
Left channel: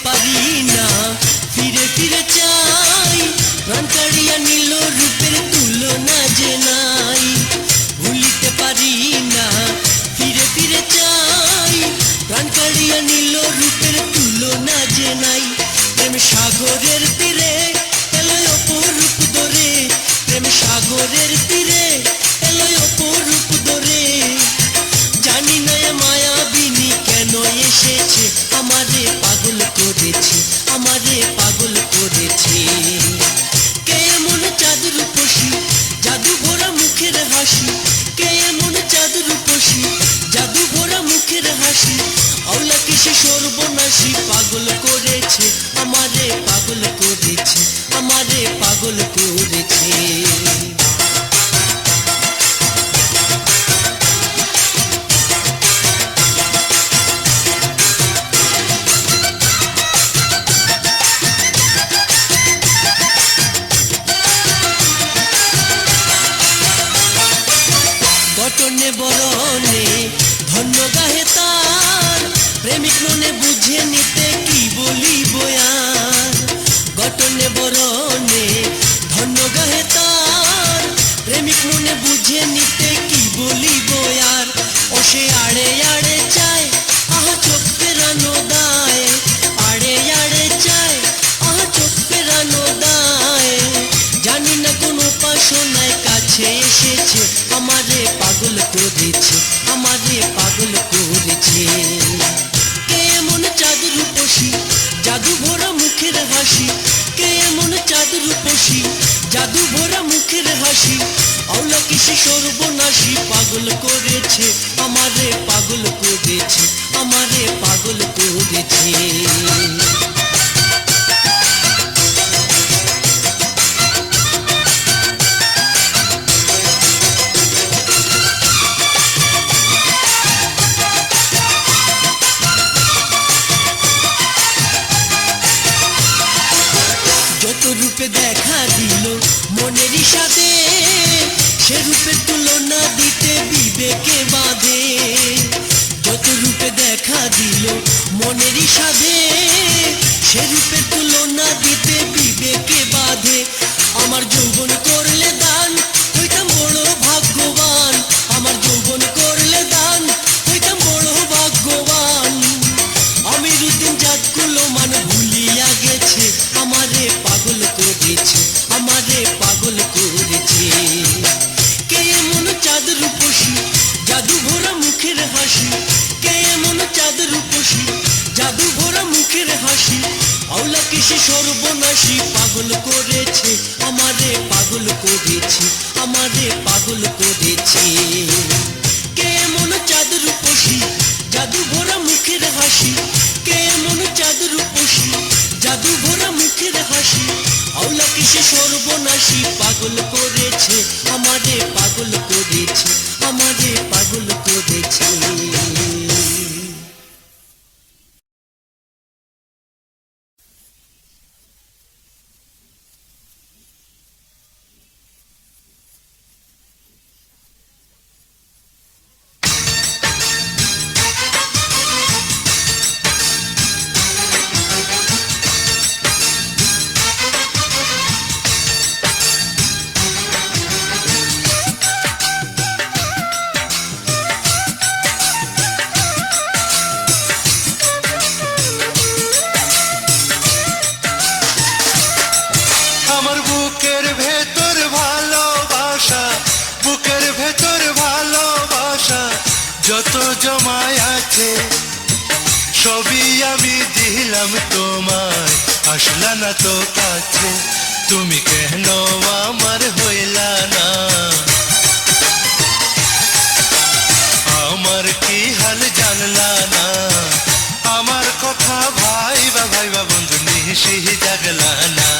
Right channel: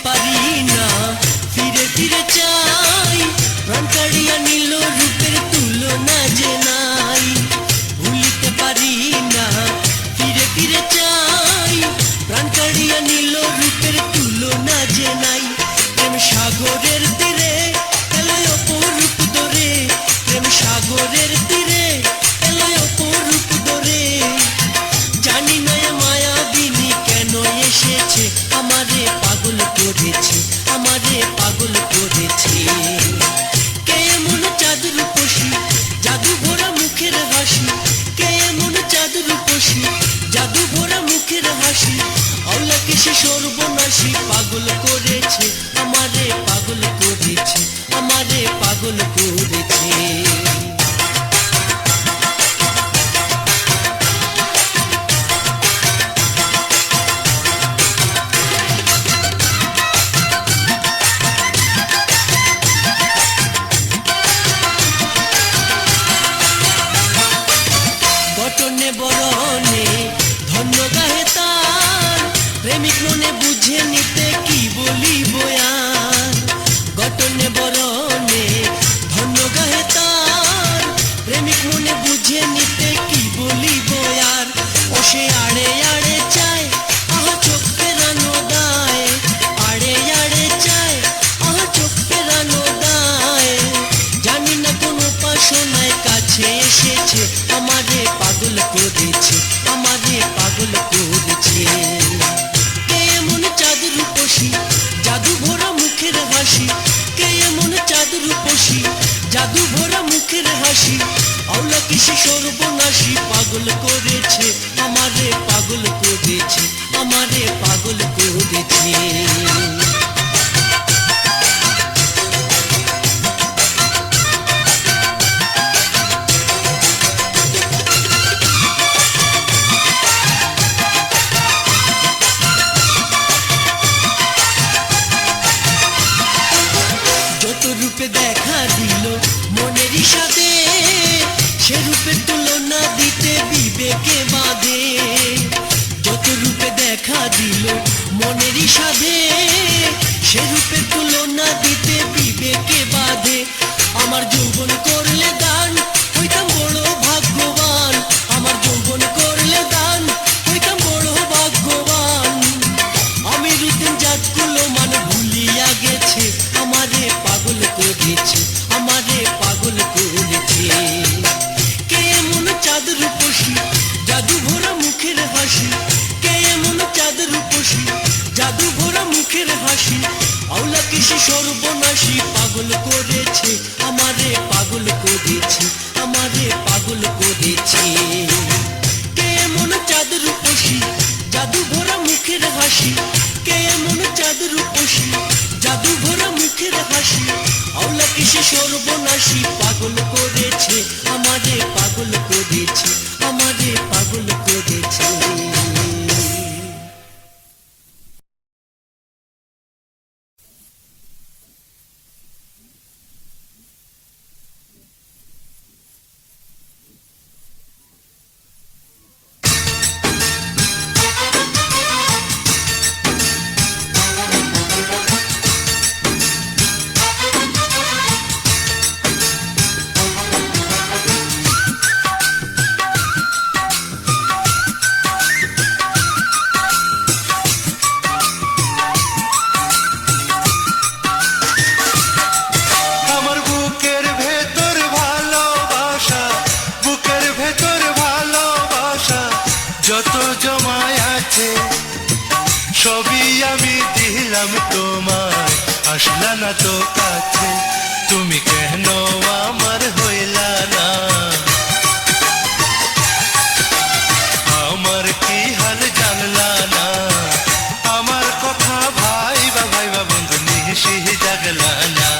পারি না ফিরে ফিরে চাই, প্রাণ ছাড়িয়া নীল রূপের তুলনা যে নাই। ভুলিতে পারি না ফিরে ফিরে চাই, প্রাণ ছাড়িয়া নীল রূপের তুলনা যে নাই। প্রেম সাগরের তীরে এলো অপরূপ ধরে, প্রেম সাগরের তীরে এলো অপরূপ ধরে। জানি না মায়াবিনী কেন এসেছে, আমারে পাগল করেছে আমারে, পাগল করেছে। কেমন চাঁদ রূপসী, জাদু ভরা মুখের হাসি, কে এমন চাঁদ রূপসী জাদু ভরা মুখের হাসি আওলাকে সে সর্বনাশী পাগল করেছে আমারে পাগল করেছে আমারে পাগল করেছে বটনে বরণে ধন্য গাহে তার প্রেমিক মনে বুঝে নিতে কি বলিব আর গটনে বরণে ধন্য গাহে তার প্রেমিক মনে বুঝে নিতে কি বলিব আর ও সে আড়ে আড়ে চায় আহ চোখ ফেরানো দায় আড়ে আড়ে চায় আহ চোখ ফেরানো দায় জানি না কোন উপাসনায় কাছে এসেছে আমারে পাগল করেছে আমারে পাগল করেছে কে এমন চাঁদ রূপসী জাদু ভরা মুখের হাসি কে এমন চাঁদ রূপসী জাদু ভরা মুখের হাসি আওলা কিসে সর্বনাশী পাগল করেছে আমারে পাগল করেছে আমারে পাগল করেছে যত রূপে দেখা দিল মনের সাথে সে রূপের তুলনা দিতে বিবেকে বাঁধে যত রূপে দেখা দিল মনের সাথে সে রূপের তুলনা দিতে বিবেকে বাঁধে আমার যৌবন করলে দান হইতাম বড় ভাগ্যবান আমার যৌবন করলে দান হইতাম বড় ভাগ্যবান আমি রুদিন জাতগুলো মান ভুলিয়া গেছে আমারে পাগল করেছে আমারে পাগল করেছে কে এমন চাঁদ রূপসী জাদু ভরা মুখের হাসি কে এমন চাঁদ রূপসী জাদু ভরা মুখের হাসি আওলা কিসে সর্বনাশী পাগল করেছে আমারে পাগল করেছে আমারে পাগল করেছে কে এমন চাঁদ রূপসী জাদু ভরা মুখের হাসি কে এমন চাঁদ রূপসী জাদু ভরা মুখের হাসি আওলা কিসে সর্বনাশী পাগল করেছে আমারে পাগল করেছে আমারে পাগল করেছে যত জমায় আছে সবই আমি দিলাম তোমায় আসলা না তো কাছে তুমি কেন আমার হইলা না আমার কি হাল জানলা না আমার কথা ভাইবা ভাইবা বন্ধু নিশি জাগলা না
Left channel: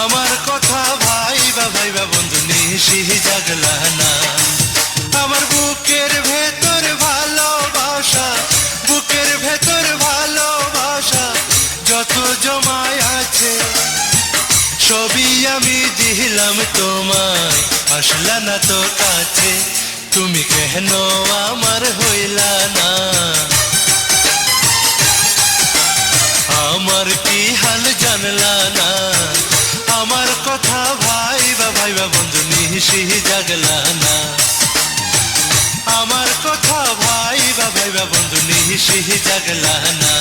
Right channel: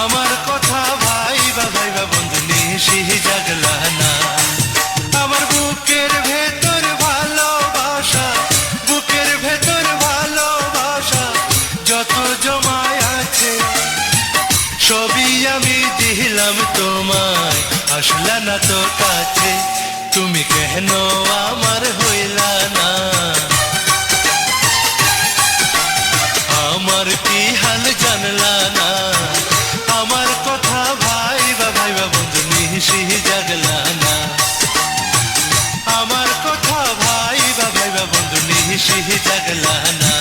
আমার কথা ভাইবা ভাইবা বন্ধু নিশি জাগলা না আমার বুকের ভেতর ভালোবাসা বুকের ভেতর ভালোবাসা যত জমায় আছে সবই আমি দিলাম তোমায় আসলা না তো কাছে তুমি কেন আমার হইলা না আমার কি হাল জানলা না আমার কথা ভাইবা ভাইবা বন্ধু নিশি জাগলা না আমার কথা ভাইবা ভাইবা বন্ধু নিশি জাগলা না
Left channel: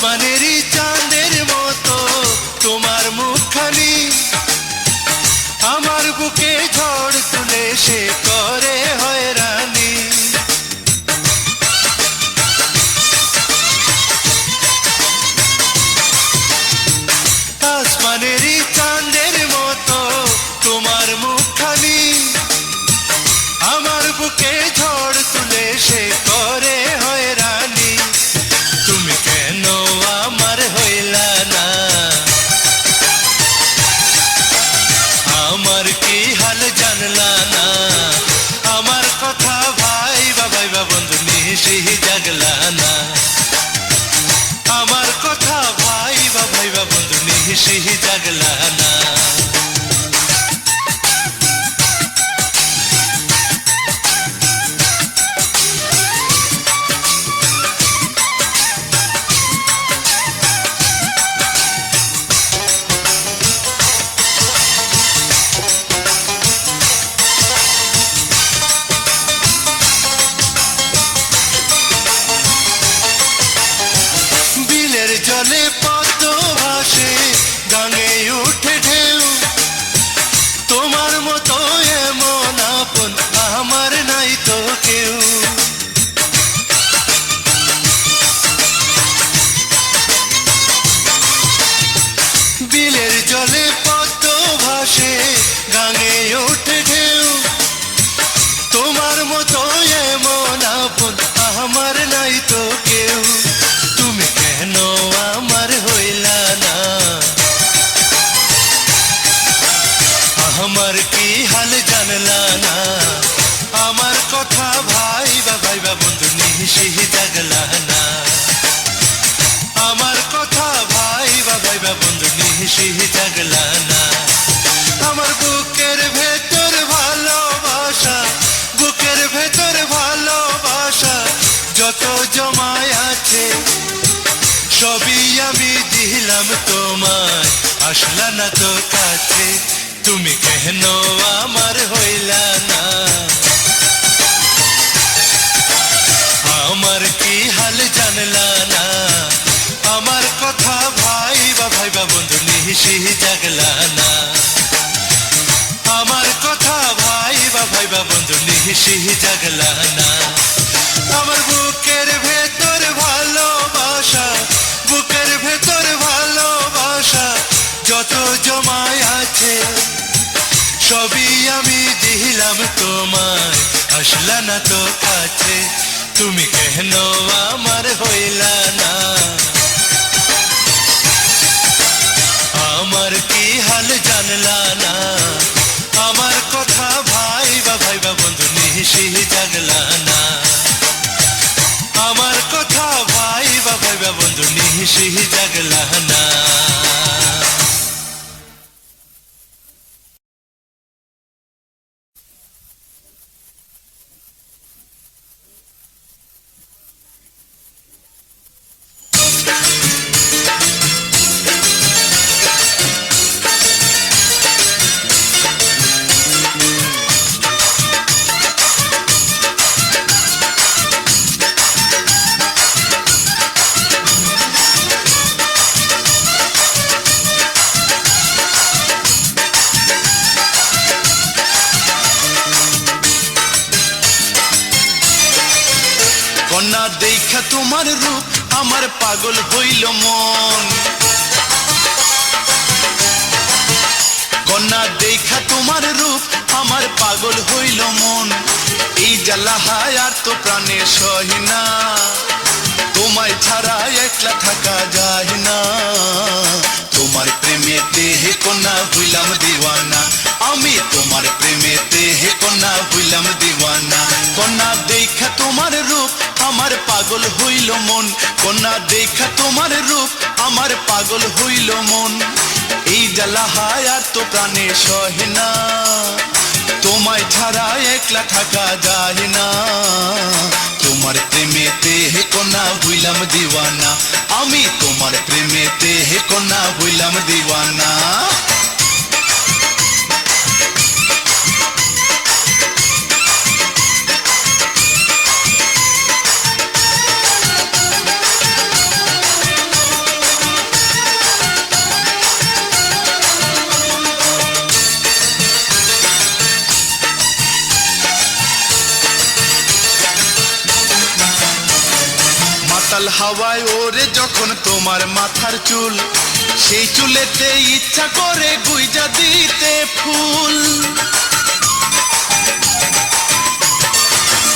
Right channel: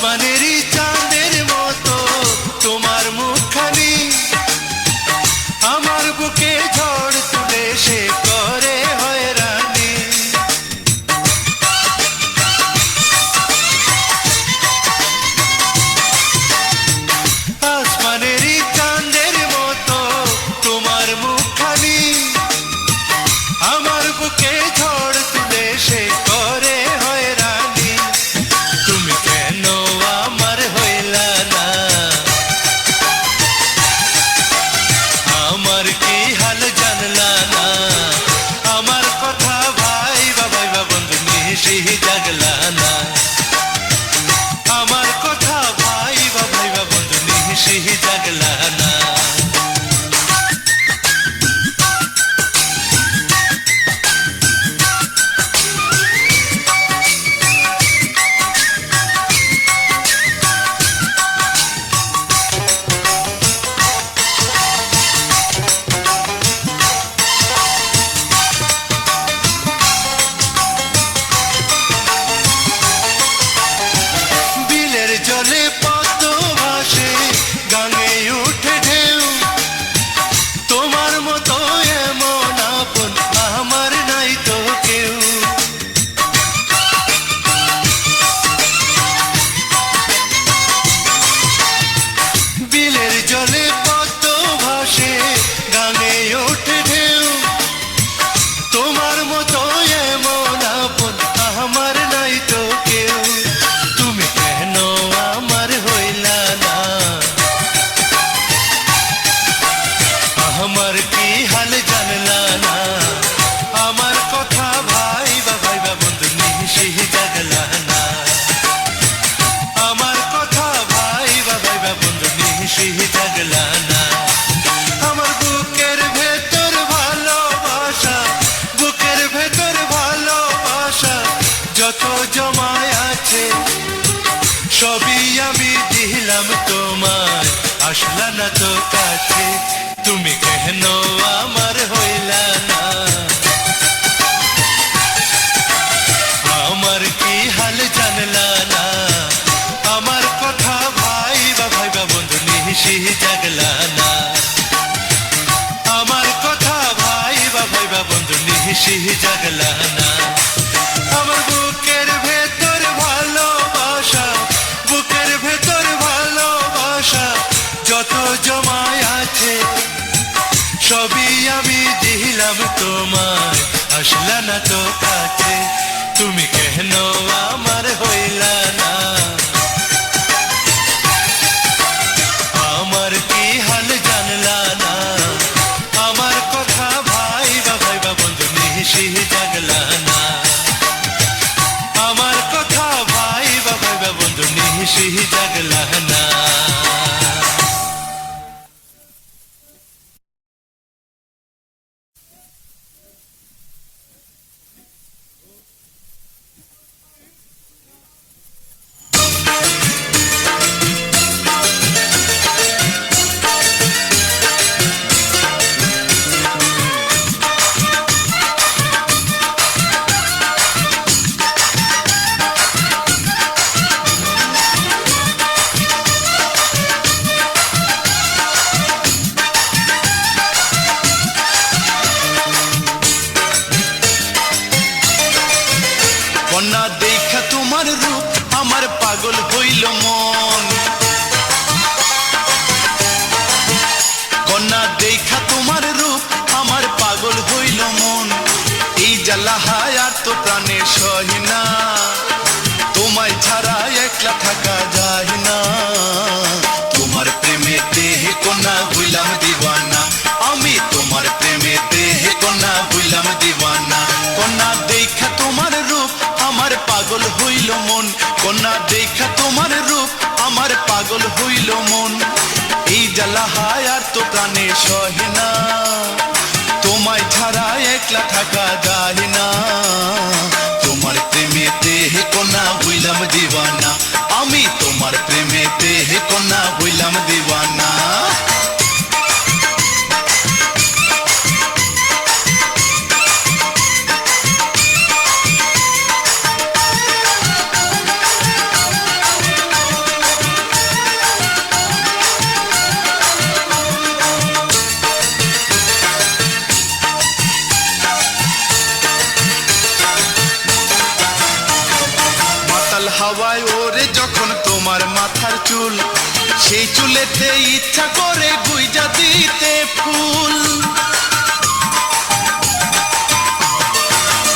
আসমানেরই চাঁদের মতো তোমার মুখখানি আমার বুকে ঝড় তুলে সে করে হয়রানি। আসমানেরই চাঁদের মতো তোমার মুখখানি আমার বুকে ঝড় তুলে সে করে হয়রানি। তুমি কেন আমার হইলা না, আমার কি হাল জানলা না, আমার কথা ভাইবা ভাইবা বন্ধু নিশি জাগলা না, আমার কথা ভাইবা ভাইবা বন্ধু নিশি জাগলা না। বিলের জলে পদ্ম ভাসে গাঙে উঠে ঢেউ, তোমার মতো এমন আপন আমার নাই তো কেউ। বিলের জলে পদ্ম ভাসে গাঙে উঠে ঢেউ, তোমার মতো এমন আপন আমার নাই তো কেউ। তুমি কেন আমার হইলা না, আমার কি হাল জানলা না, আমার কথা ভাইবা ভাইবা বন্ধু নিশি জাগলা না, আমার কথা ভাইবা ভাইবা বন্ধু নিশি জাগলা না। আমার বুকের ভেতর ভালোবাসা, বুকের ভেতর ভালোবাসা যত জমায় আছে সবই আমি দিলাম তোমায়, আসলা না তো কাছে। তুমি কেন আমার হইলা না, আমার কি হাল জানলা না, আমার কথা ভাইবা ভাইবা বন্ধু নিশি জাগলা না, আমার কথা ভাইবা ভাইবা বন্ধু নিশি জাগলা না। আমার বুকের ভেতর ভালোবাসা, বুকের ভেতর ভালোবাসা যত জমায় আছে সবই আমি দিলাম তোমায়, আসলা না তো কাছে। তুমি কেন আমার হইলা না, আমার কি হাল জানলা না, আমার কথা ভাইবা ভাইবা বন্ধু নিশি জাগলা না, আমার কথা ভাইবা ভাইবা বন্ধু নিশি জাগলা না। কন্যা দেখা তোমার রূপ আমার পাগল হইল মন, কন্যা দেখা তোমার রূপ আমার পাগল হইল মন। এই জ্বালা আর তো প্রাণে সহি না, তোমায় ছাড়া একলা থাকা যায় না। তোমার প্রেমেতে হে কন্যা হইলাম দিওয়ানা, আমি তোমার প্রেমেতে হে কন্যা হইলাম দিওয়ানা। কন্যা দেখা তোমার রূপ আমার পাগল হইল মন, কন্যা দেখা তোমার রূপ আমার পাগল হইল মন। এই জ্বালা আর তো প্রাণে সহে না, তোমায় ছাড়া একলা থাকা যায় না। তোমার প্রেমেতে হে কন্যা হইলাম দিওয়ানা, আমি তোমার প্রেমেতে হে কন্যা হইলাম দিওয়ানা। মাতাল হাওয়ায় ওরে যখন তোমার মাথার চুল, সেই চুলেতে ইচ্ছা করে গুইজা দিতে ফুল।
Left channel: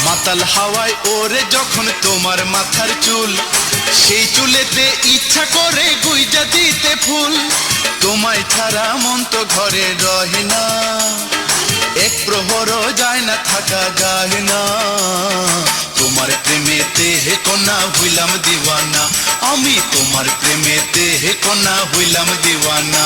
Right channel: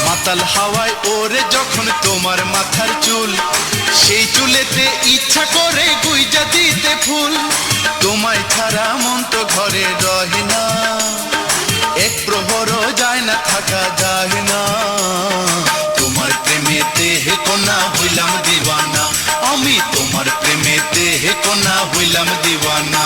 মাতাল হাওয়ায় ওরে যখন তোমার মাথার চুল, সেই চুলেতে ইচ্ছা করে গুইজা দিতে ফুল। তোমায় ছাড়া মন তো ঘরে রহে না, এক প্রহরও যায় না, থাকা যায় না। তোমার প্রেমেতে হে কন্যা হইলাম দিওয়ানা, আমি তোমার প্রেমেতে হে কন্যা হইলাম দিওয়ানা।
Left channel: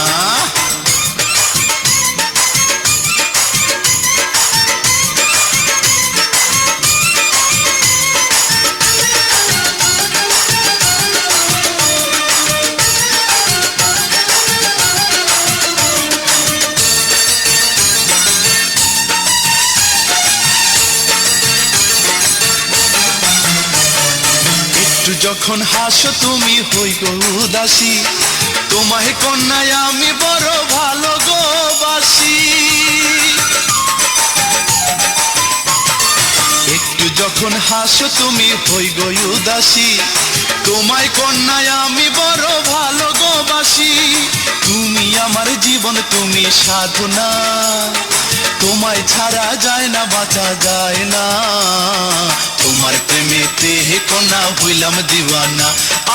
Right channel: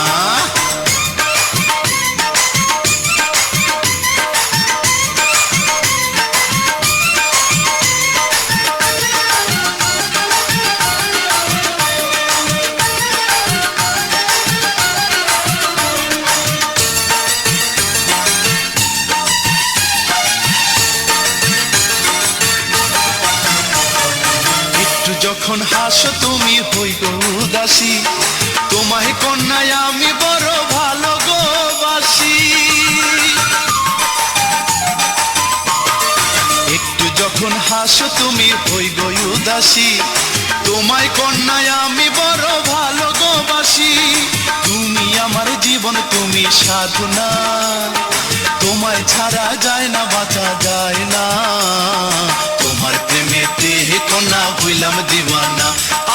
একটু যখন হাসো তুমি হই গো উদাসী, তোমায় কন্যায় আমি বড় ভালো গো বাসি। একটু যখন হাসো তুমি হই গো উদাসী, তোমায় কন্যায় আমি বড় ভালো গো বাসি। তুমি আমার জীবন, তুমি সাধনা, তোমায় ছাড়া যায় না, বাঁচা যায় না। তোমার প্রেমেতে হে কন্যা হইলাম দিওয়ানা,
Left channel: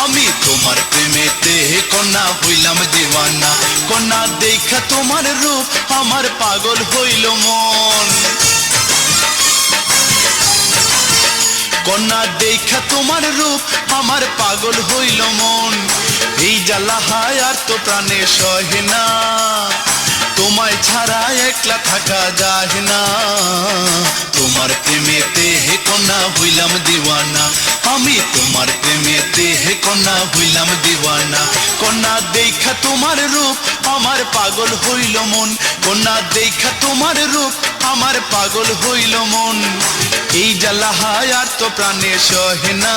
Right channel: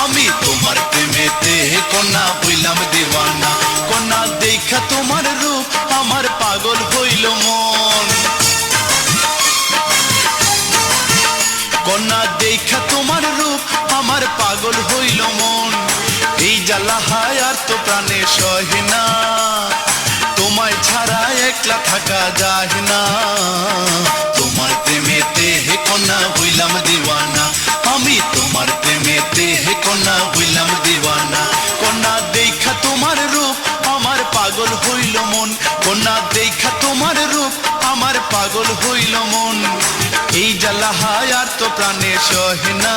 আমি তোমার প্রেমেতে হে কন্যা হইলাম দিওয়ানা। কন্যা দেখা তোমার রূপ আমার পাগল হইল মন, কন্যা দেখা তোমার রূপ আমার পাগল হইল মন। এই জ্বালা হায় আর তো প্রাণে সহে না, তোমায় ছাড়া একলা থাকা যায় না। তোমার প্রেমেতে হে কন্যা হইলাম দিওয়ানা, আমি তোমার প্রেমেতে হে কন্যা হইলাম দিওয়ানা। কন্যা দেখা তোমার রূপ আমার পাগল হইল মন, কন্যা দেখা তোমার রূপ আমার পাগল হইল মন। এই জ্বালা হায় আর তো প্রাণে সহে না,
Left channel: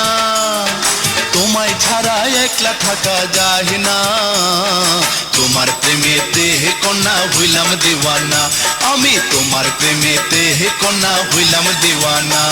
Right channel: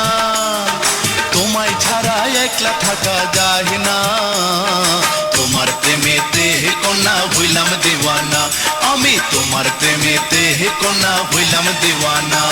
তোমায় ছাড়া একলা থাকা যায় না। তোমার প্রেমেতে হে কন্যা হইলাম দিওয়ানা, আমি তোমার প্রেমেতে হে কন্যা হইলাম দিওয়ানা।